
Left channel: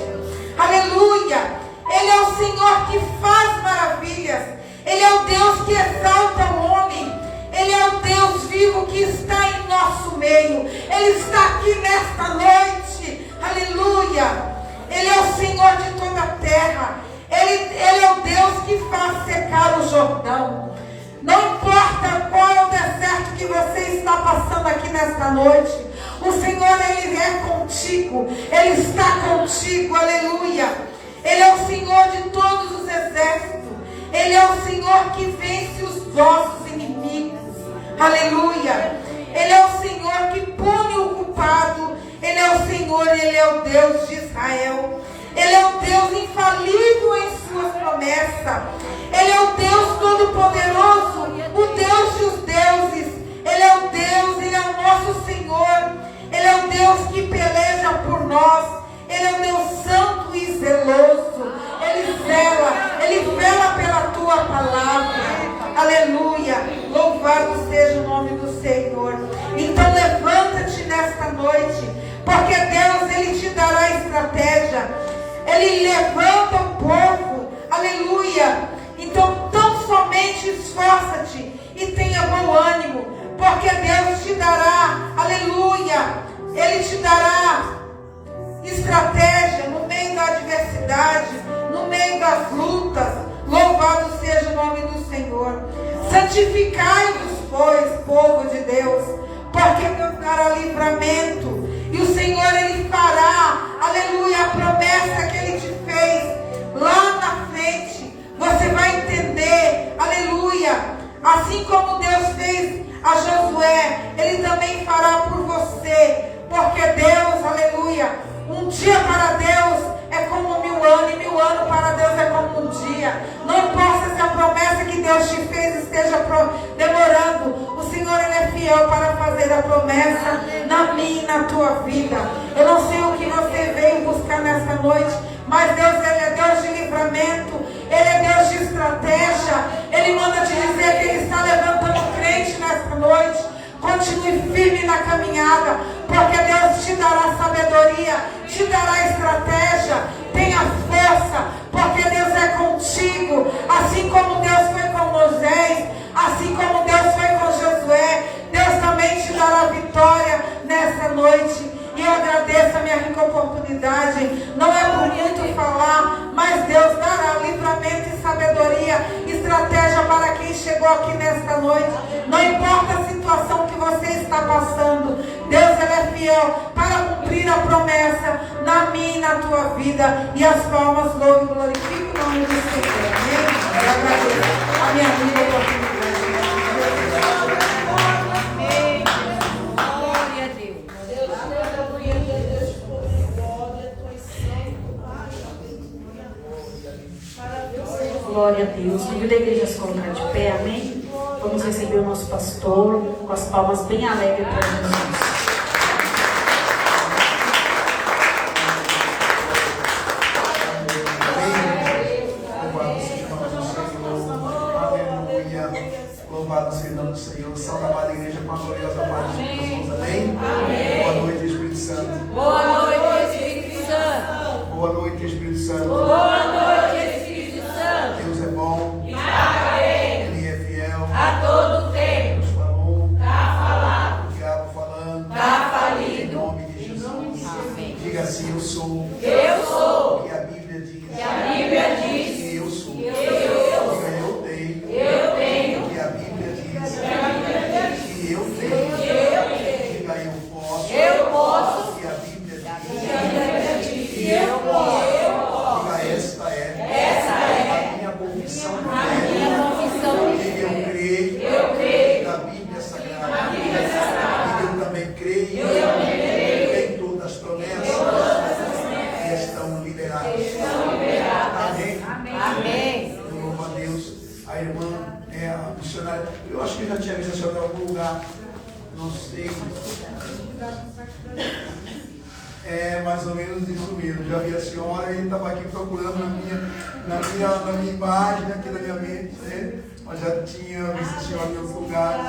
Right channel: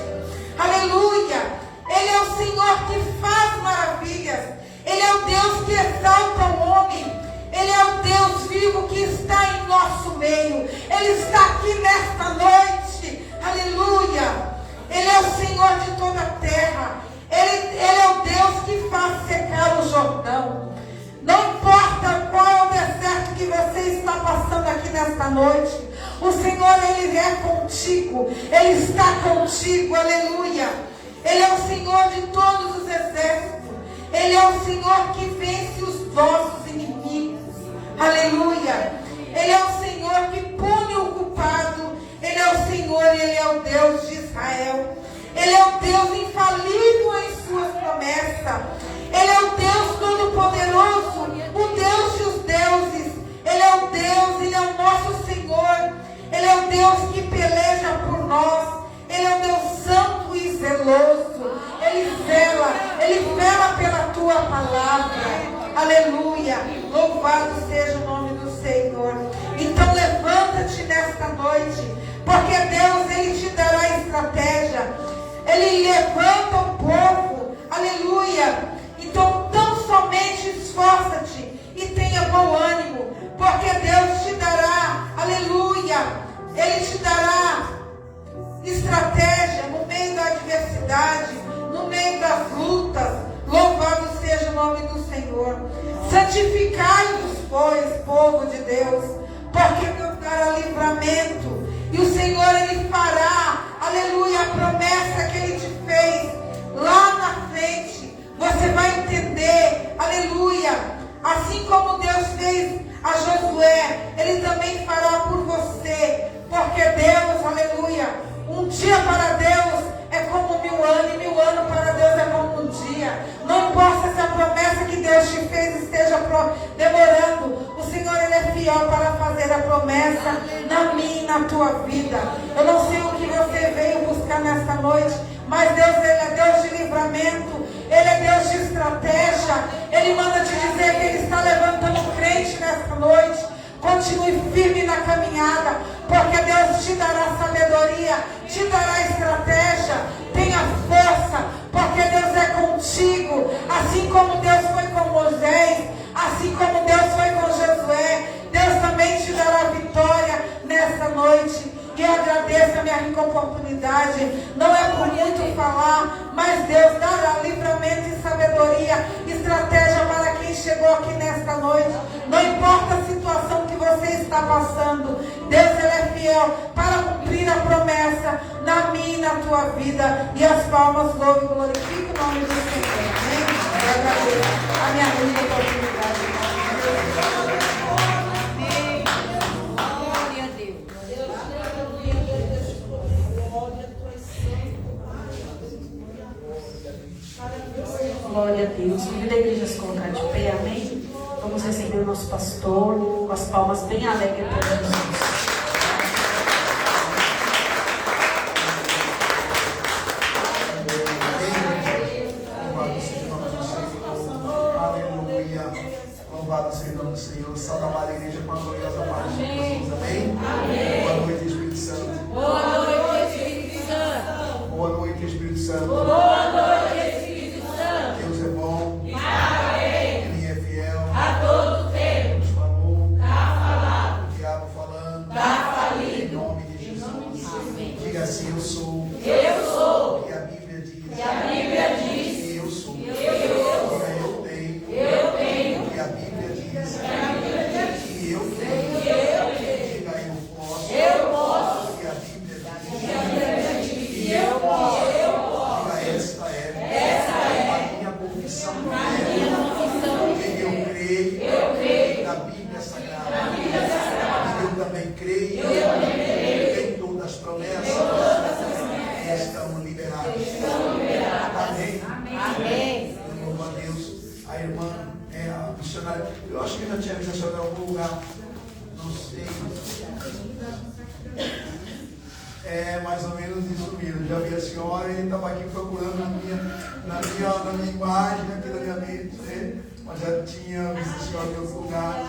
Aleluia. Ele é o Senhor que faz maravilhas. Ele é o Deus que exalta o homem. Ele é o Deus vivo que está em nosso meio. Ele está aqui nesta noite. Aleluia. Ele é o Senhor de toda a terra. Ele é o Deus que faz secar o Jordão. Não importa qual é o deserto que você está passando aqui nesta noite, o Senhor, Ele é contigo. Ele está contigo. Aleluia. Ele é o Senhor de todos os exércitos. Ele é o Senhor que vence os vossos inimigos. Aleluia. Ele é o Senhor que pune o culpado. Ele é o Senhor, Ele é o Deus de Israel. Ele é o Deus infalível em suas promessas. Ele é o Deus todo-poderoso, o Deus dos deuses. Ele é o Deus, Ele é o nosso Senhor. Ele é o Deus que peleja por nós. Ele é o Deus santo e zeloso. Ele vela pela tua palavra. Aleluia. Louvado seja o nome do Senhor. Então levanta-te nesta noite, porque Deus, Ele te dará estratégia. Ele levanta o povo. Aleluia. Então tão somente esforça-te e tenha bom ânimo, porque Deus te dará, aleluia, Ele te dará estratégia no meio da adversidade, no meio das lutas. Louvado seja nome do Senhor. Santificai-vos, pois, povo de Deus, porque Deus dará livramento. E o Senhor, Ele fará, aleluia, a promessa que Ele te fez lá na frente. Você vai entender, aleluia. Assim como Deus fez a Josué, Ele também fará por você. Porque Deus, aleluia, um dia para Deus é como 1000 anos, e 1000 anos para Deus é como um dia. Não importa se a promessa que Deus te fez esteja demorando, o Senhor, Ele é fiel para fazer a promessa na minha e na tua vida. Eu não sei o que você veio buscar nessa noite, mas Deus, Ele é Deus de livramento, Ele é Deus de estratégia. Ele manda te dizer que Ele está levantando crente nessa noite. Continue firme na caminhada, porque Deus te dará sabedoria, te dará estratégia. Tenha força, porque Deus é contigo. Assim como Deus foi com Moisés, assim como Deus foi com Josué, Deus também te dará vitória nessa noite. E eu agradeço a minha rica oportunidade. Não é por muito falar, mas Deus dará livramento e sabedoria, estratégia para quem chegou aqui nesta noite. Não importa a situação que você está passando, Deus, Ele é fiel para cumprir a promessa na minha e na tua vida. E as palmas louvam e glorificam o nome do Senhor. Amém? Eu agradeço a minha rica oportunidade. Glória a Deus. Convido a igreja a se colocar de pé, amém? Vamos receber o nosso pastor com as palmas bem alegres para Jesus. Louvado seja o nome do Senhor. Salve a amada igreja com a gloriosa paz de Jesus. Amém? Amém. Boa noite, Espírito Santo. Boa noite, Espírito Santo. Boa noite, Espírito Santo. Boa noite, Espírito Santo. Deus é bom. Ele é fiel. A todo tempo. Deus falou. Tá falado. O diabo falando. Tá falido. Em nome de Jesus. Diga assim: eu sou. Eu sou. E a Bíblia diz. E a Bíblia diz. Que eu sou. Eu Diga eu tenho. Eu tenho. Que a Bíblia diz. E a Bíblia diz. Que eu tenho. Eu tenho. Diga eu posso. Eu posso. Que a Bíblia diz. E a Bíblia diz. Que eu posso. Eu posso. Diga esta é. Essa é A minha confissão de a fé. minha confissão de Que eu creio. Eu creio. Na Bíblia Sagrada. Na Bíblia Sagrada. Eu também creio. Eu também creio. Em todas as promessas. Que estão liberadas. Estão liberadas. Amém. Amém. Louvo a Deus. A irmã é a missionária. Eu acho que eu já tinha visto a senhora em algum lugar. Não sei. É mais ou menos isso mesmo. Já vi a senhora e estava aqui procurando na minha imagem, aqui na minha mente, né? Mas já tinha visto a senhora em outros lugares.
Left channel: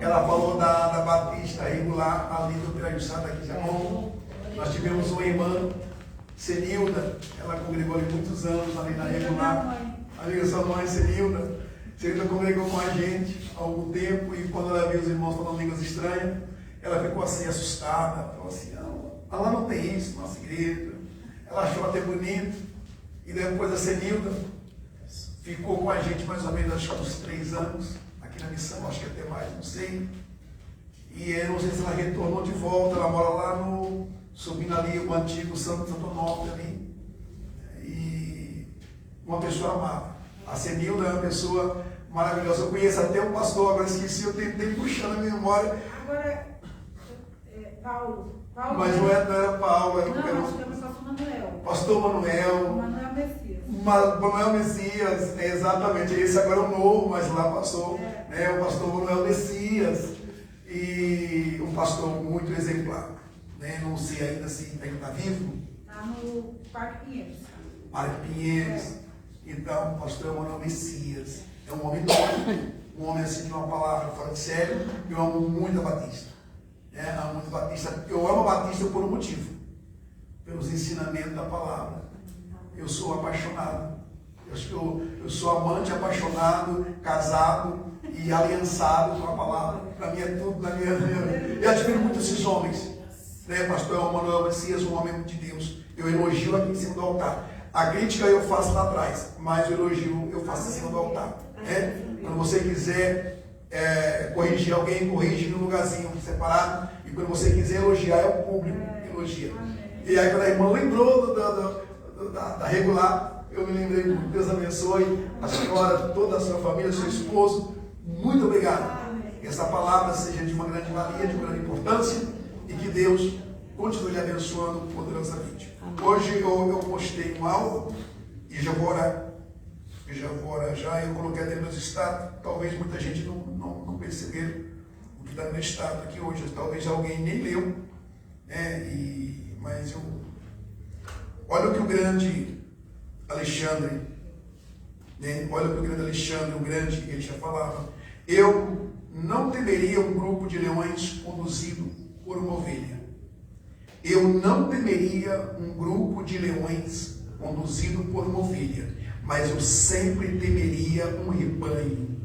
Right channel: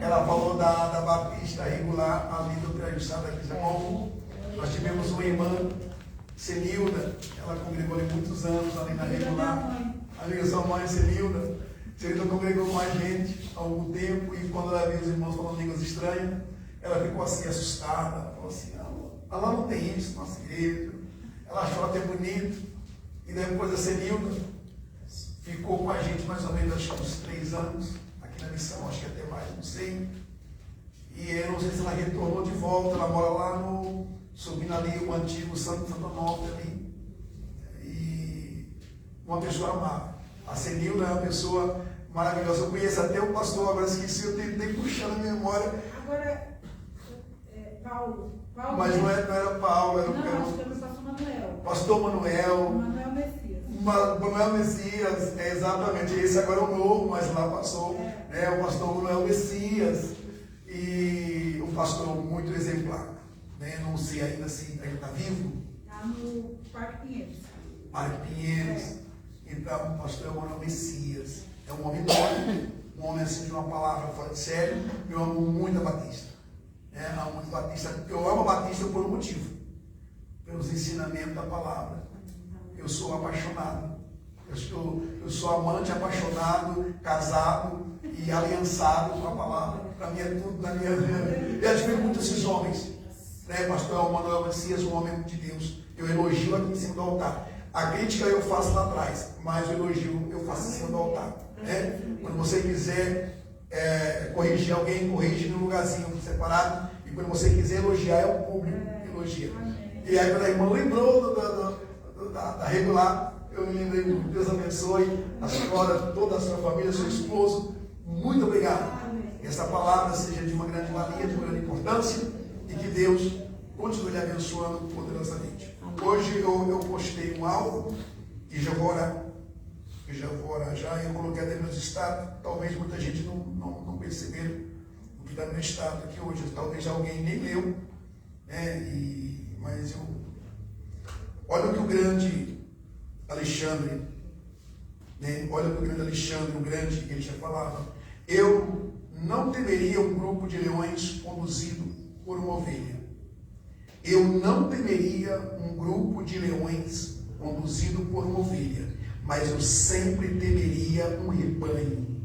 Ela falou da Batista regular ali do Trajuçada aqui de Jamon. Nós tivemos uma irmã, Senilda, ela congregou ali muitos anos ali na regular. Ali sua mãe, Senilda. Senilda congregou com a gente há algum tempo e quando ela viu os irmãos falando línguas estranhas, ela ficou assim assustada. Ela falou assim: ela não tem isso, nossa igreja. Ela achou até bonito. E depois a Senilda ficou com a gente mais ou menos, acho que uns 3 anos, aqui na missão, acho que até mais, não sei. E eu não sei se ela retornou de volta, ela mora lá subindo ali o antigo Santo Onofre ali. E uma pessoa amada. A Senilda é uma pessoa maravilhosa. Eu conheço até o pastor, agora esqueci, eu tentei puxar na memória. Agora, Paulo. Mas não era Paulo, era Não, acho que era o pastor Manuel. pastor Manuel. Manuel Messias. Manuel Messias, exatamente, esse agora é o novo, mas lá passou, né, o pastor Manuel Messias, e um pastor muito exemplar, né, não sei ainda se ele está vivo. Está no Parque Pinheiros. Parque Pinheiros. Então, o pastor Manuel Messias é um homem doido, um homem assim de uma palavra fora de sério. Eu amo muito a Batista, né, amo muito a Batista. Eu amo a Batista por um motivo, pelos ensinamentos da palavra. Eu sou apaixonado. Eu sou amante, apaixonado, casado e aliançado com a palavra. Para mim é tudo na minha vida. Eu admiro muito esses homens. Né, pastor Manuel Messias, um homem de Deus. Eu elogio aqui em cima do altar. A crítica eu faço lá atrás, mas o elogio eu faço em cima do altar. Né? Quando você quiser corrigir alguém, corrige no lugarzinho separado. E quando você quiser elogiar, é o público que elogia. E aquela irmã lembrou da regular. Eu me lembrei, Deus abençoe a senhora, toda a sua família, seu esposo. Muito obrigado. Que essa palavra seja de uma grande valia, de uma grande importância. E que Deus continue lhe abençoando poderosamente. Hoje eu postei um alvo e já vou orar. Eu coloquei até meus status. Talvez muita gente não percebeu o que está no meu status aqui hoje. Talvez alguém nem leu. Mas olha o que o grande Alexandre, olha o que o grande Alexandre, ele já falava. Eu não temeria um grupo de leões conduzido por uma ovelha. Eu não temeria um grupo de leões conduzido por uma ovelha, mas eu sempre temeria um rebanho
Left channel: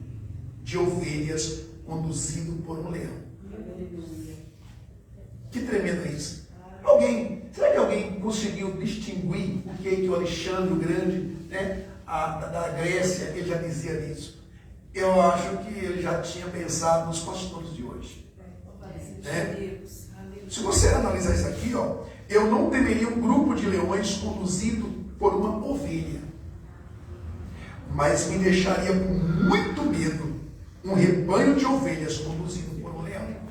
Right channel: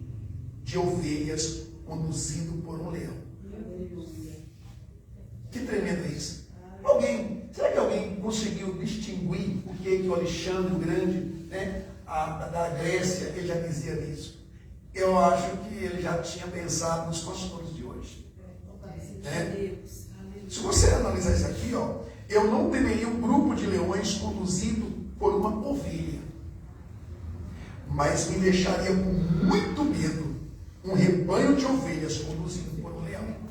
de ovelhas conduzido por um leão. Que tremendo isso. Será que alguém conseguiu distinguir o que o Alexandre o Grande, da Grécia, ele já dizia nisso? Eu acho que ele já tinha pensado nos pastores de hoje. Se você analisar isso aqui, eu não temeria um grupo de leões conduzido por uma ovelha, mas me deixaria com muito medo um rebanho de ovelhas conduzido por um leão.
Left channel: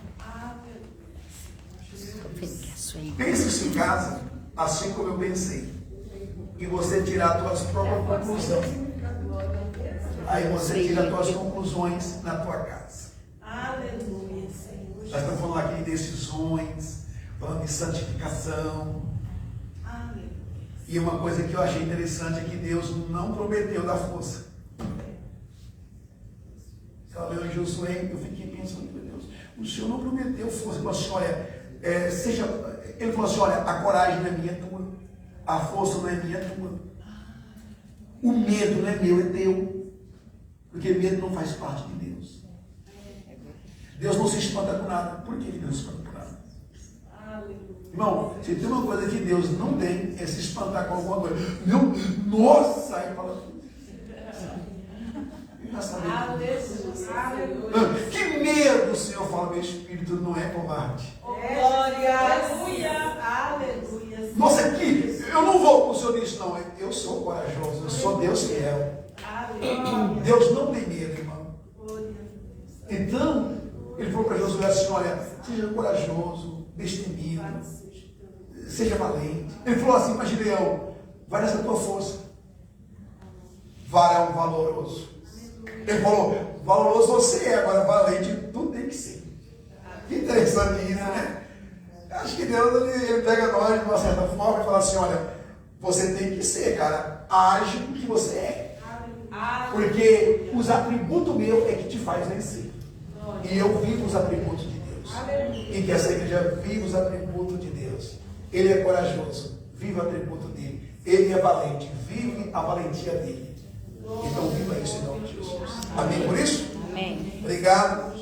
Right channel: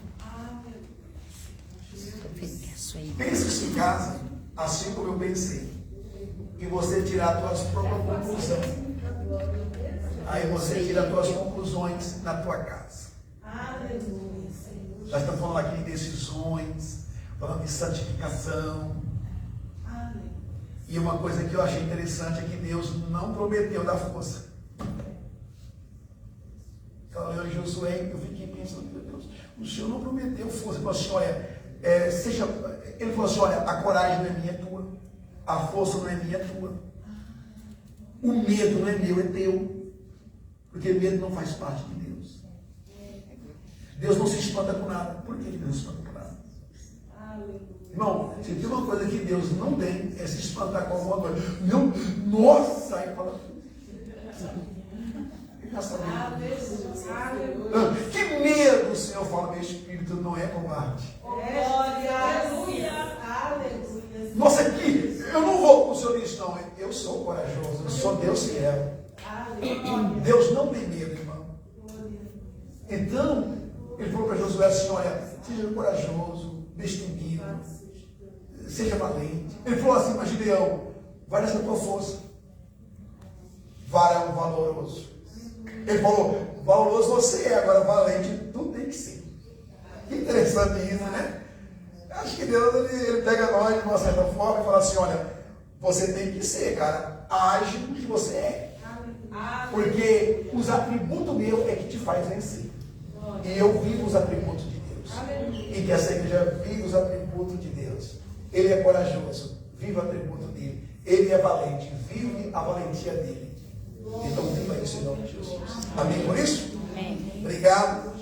Pense isso em casa, assim como eu pensei, e você tirar as suas próprias conclusões. Aí você tira as suas conclusões na tua casa. Já estamos falando aqui de decisões, falando de santificação. E uma coisa que eu achei interessante é que Deus não prometeu dar força. Estava lendo em Josué, eu fiquei pensando, meu Deus, o Senhor não prometeu força. Ele falou assim, ele falou assim, olha, a coragem não é minha, é tua. A força não é minha, é tua. O medo não é meu, é teu. Porque medo não faz parte de Deus. Deus não se espanta com nada. Por que Deus se espanta com nada? Irmão, se tem uma coisa que Deus não tem, é se espantar com alguma coisa. Nossa! Aí fala. Que medo, o Senhor fala, meu espírito não é covarde. Nossa, aqui, eu não vou com o Senhor nisso, não. Eu sou corajoso, eu sou Deus fiel. Deus não tem medo, irmão. Então, ele falou para Josué assim, olha, seja corajoso, destemido, seja valente. Ele falou assim, mas Gideão, vai nessa tua força. Varão valoroso. Ele falou, valoroso você é, agora valente tu tem que ser. Que interessante isso, né? Acho que Deus ele pega nós de uma certa forma e fala assim, olha, você tem que ser, cara, age o que você é. Porque os atributos meus é que te faz vencer. E eu vivo os atributos de Deus. E que essa igreja vive os atributos de Deus. Ele é corajoso, vive o atributo dele. Ele é valente, vive a valentia dele. Então viva isso em nome de Jesus. Amém por isso? Amém. Obrigado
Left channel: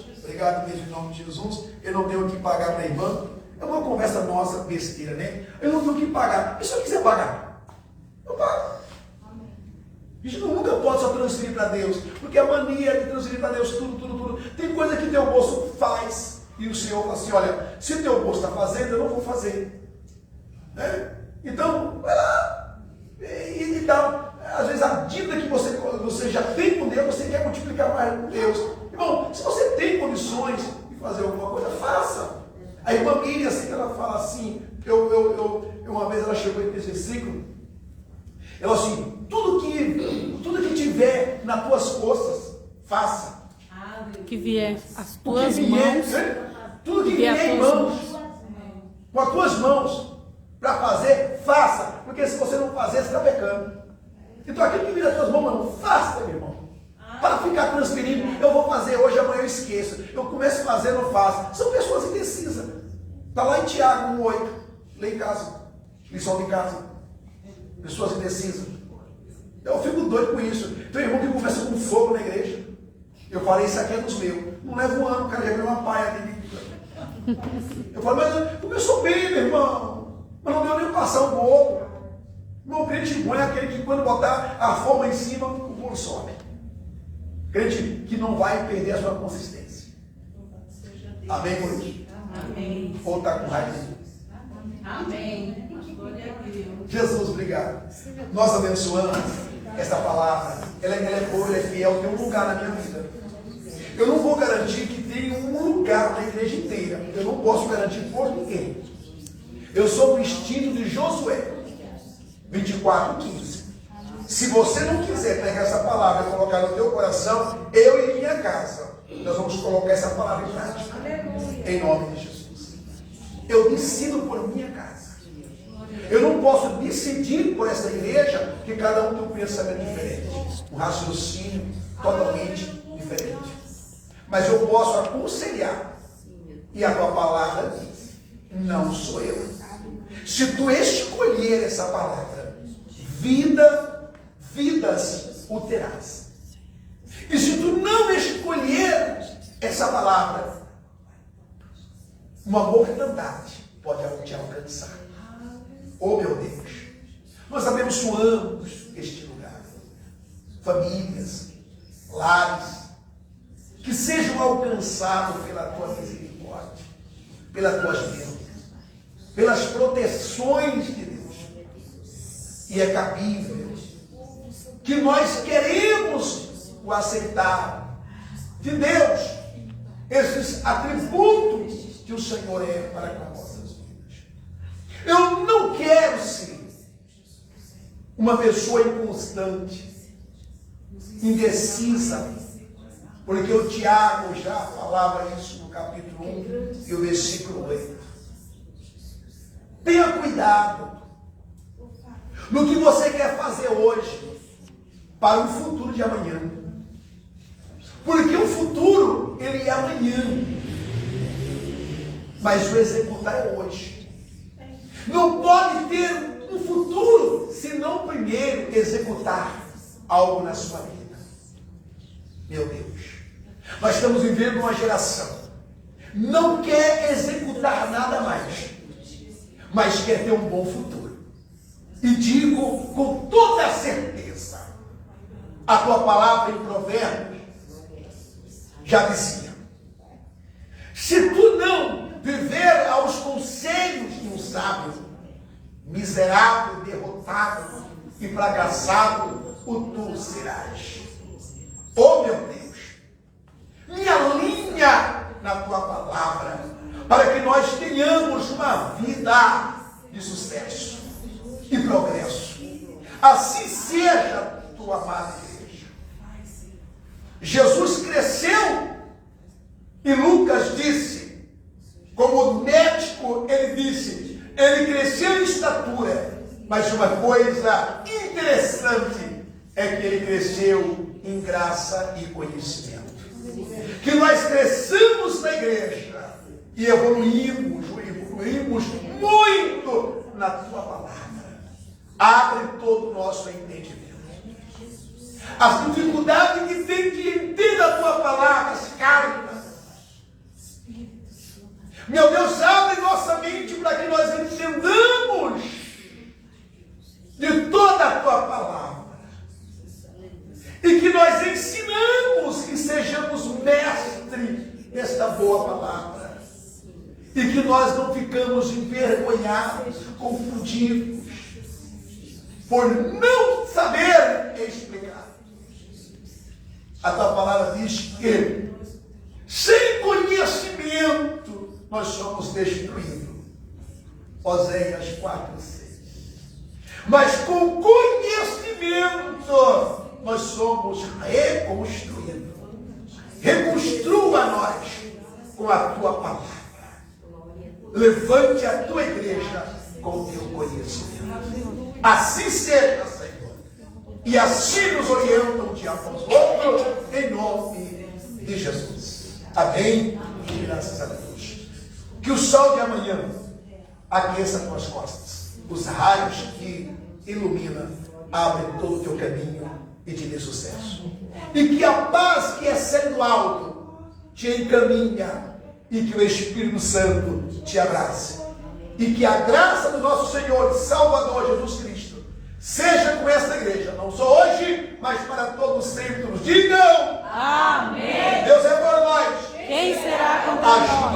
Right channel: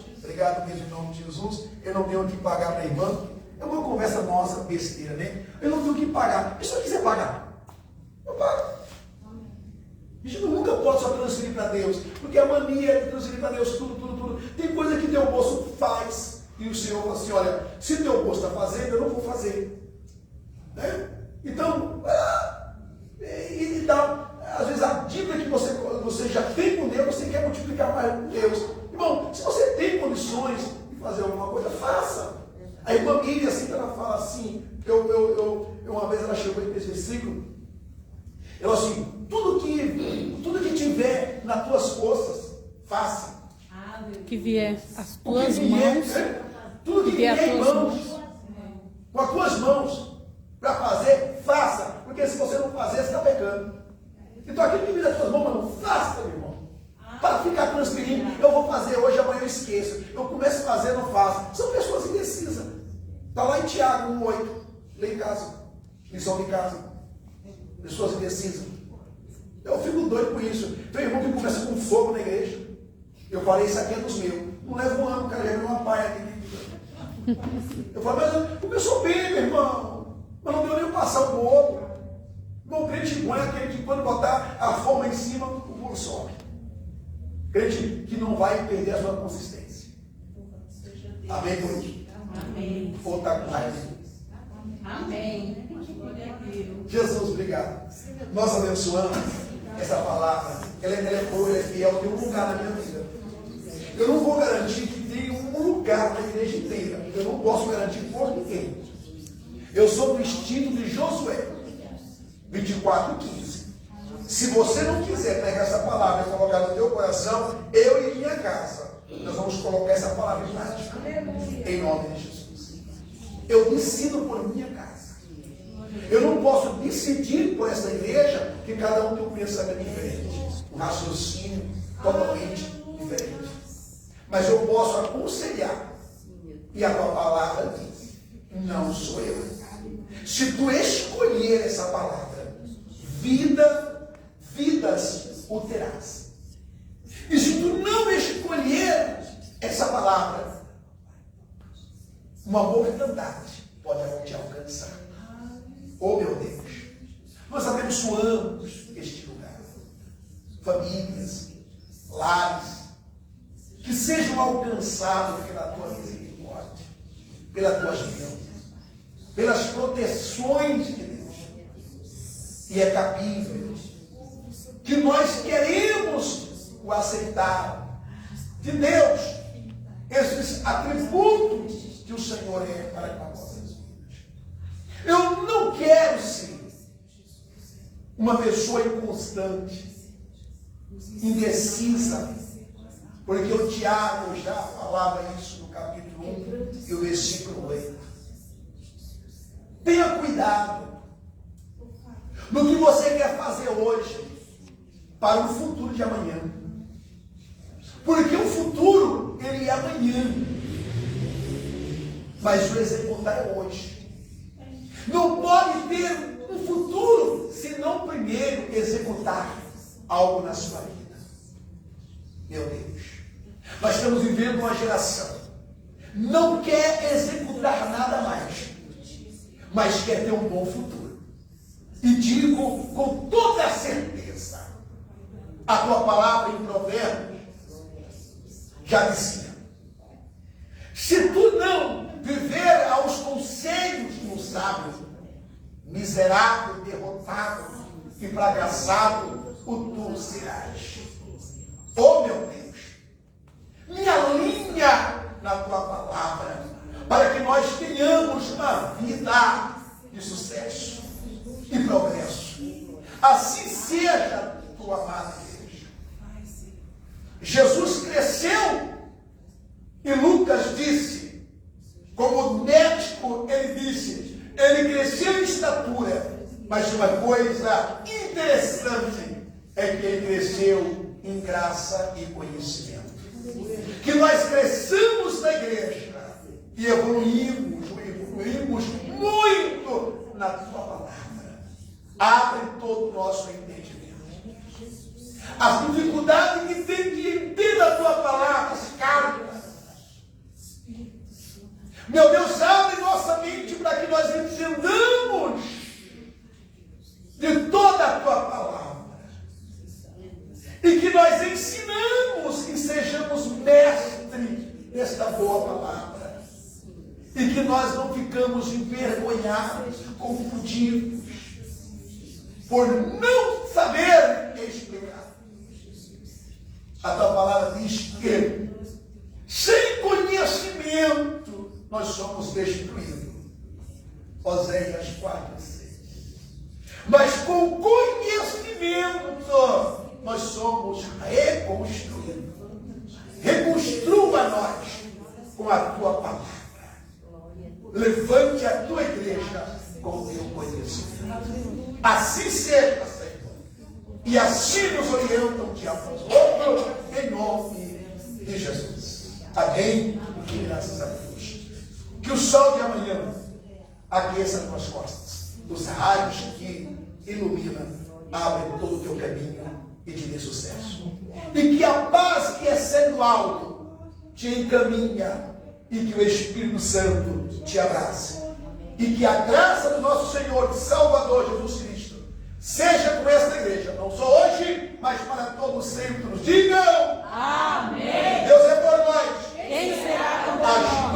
mesmo em nome de Jesus. Eu não tenho o que pagar para a irmã. É uma conversa nossa, besteira, né? Eu não tenho o que pagar. E se eu quiser pagar? Eu pago. A gente nunca pode só transferir para Deus, porque a mania de transferir para Deus tudo. Tem coisa que teu bolso faz, e o Senhor fala assim, olha, se o teu bolso está fazendo, eu não vou fazer. Né? Então, vai lá. E dá, às vezes a dívida que você já tem com Deus, você quer multiplicar mais com Deus. Irmão, se você tem condições de fazer alguma coisa, faça. A irmã Miriam, assim que ela fala assim, uma vez ela chegou em esse ciclo, ela assim, tudo que tiver nas tuas forças, faça. Que vier as tuas mãos. Tudo que vier em mãos, com as tuas mãos, para fazer, faça. Porque se você não fazer, você está pecando. Então aquilo que vier nas tuas mãos, não faça, meu irmão. Para ficar transferindo, eu vou fazer hoje, amanhã eu esqueço. Eu começo a fazer, não faço. São pessoas indecisas. Está lá em Tiago 1:8, lê em casa, lição de casa. Pessoas indecisas. Eu fico doido com isso. Tem irmão que começa com fogo na igreja. Eu falei, isso aqui é dos meus. Não leva um ano, cara, já uma paia aqui. Eu falei, mas eu sou bem, meu irmão. Mas não deu nem passar um com o outro. O crente bom é aquele que quando botar a forma em cima, o bolo sobe. Crente que não vai perder a sua consistência. Amém, Corinthians? Amém. Ou está com raiva? Amém. Glória a Deus. Jesus, obrigado. Nós abençoamos essa palavra. Ela é boa, ela é fiel, tem um lugar na minha vida. Eu não vou garantir que tenha um lugar na igreja inteira. Eu não posso garantir por ninguém. Eu sou do instinto de Josué 24:15. Se você não quiser pegar essa palavra e colocar no teu coração, eu e minha casa, nós vamos colocar essa palavra em prática. Em nome de Jesus. Eu decido por minha casa. Eu não posso decidir por essa igreja, que cada um tem um pensamento diferente, um raciocínio totalmente diferente. Mas eu posso aconselhar. E a tua palavra diz: não sou eu. Se tu escolher essa palavra, vidas o terás. E se tu não escolher essa palavra, uma mortandade pode te alcançar. Oh, meu Deus, nós abençoamos este lugar. Famílias, lares, que sejam alcançados pela tua misericórdia, pelas tuas bênçãos, pelas proteções de Deus. E é cabível que nós queremos o aceitar de Deus, esses atributos que o Senhor é para com nós. Eu não quero ser uma pessoa inconstante, indecisa, porque o Tiago já falava isso no capítulo 1 e o versículo 8. Tenha cuidado no que você quer fazer hoje para o futuro de amanhã. Porque o futuro, ele é amanhã. Mas o executar é hoje. Não pode ter um futuro se não primeiro executar algo na sua vida. Meu Deus. Nós estamos vivendo uma geração não quer executar nada mais, mas quer ter um bom futuro. E digo com toda a certeza, a tua palavra em Provérbios já dizia: se tu não viver aos conselhos de um sábio, miserável, derrotado e fracassado o tu serás. Oh, meu Deus, me alinha na tua palavra, para que nós tenhamos uma vida de sucesso e progresso. Assim seja, tua amada igreja. Jesus cresceu e Lucas disse, como médico, ele disse, ele cresceu em estatura, mas uma coisa interessante é que ele cresceu em graça e conhecimento. Que nós cresçamos na igreja e evoluímos muito na tua palavra. Abre todo o nosso entendimento. As dificuldades que tem de entender a tua palavra, as cartas. Meu Deus, abre nossa mente para que nós entendamos de toda a tua palavra. E que nós ensinamos que sejamos mestres desta boa palavra. E que nós não ficamos envergonhados, confundidos, por não saber explicar. A tua palavra diz que, sem conhecimento, nós somos destruídos. Oséias 4:6. Mas com conhecimento, nós somos reconstruídos. Reconstrua nós com a tua palavra. Levante a tua igreja com o teu conhecimento. Assim seja, Senhor. E assim nos orientam de outro, em nome de Jesus. Amém. E graças a Deus. Que o sol de amanhã aqueça as tuas costas. Os raios que iluminam abrem todo o teu caminho e te dê sucesso. E que a paz que excede do alto te encaminha e que o Espírito Santo te abrace. E que a graça do nosso Senhor e Salvador Jesus Cristo seja com esta igreja, não só hoje, mas para todos sempre. Digam! Amém. Deus é por nós. Quem será contra As nós?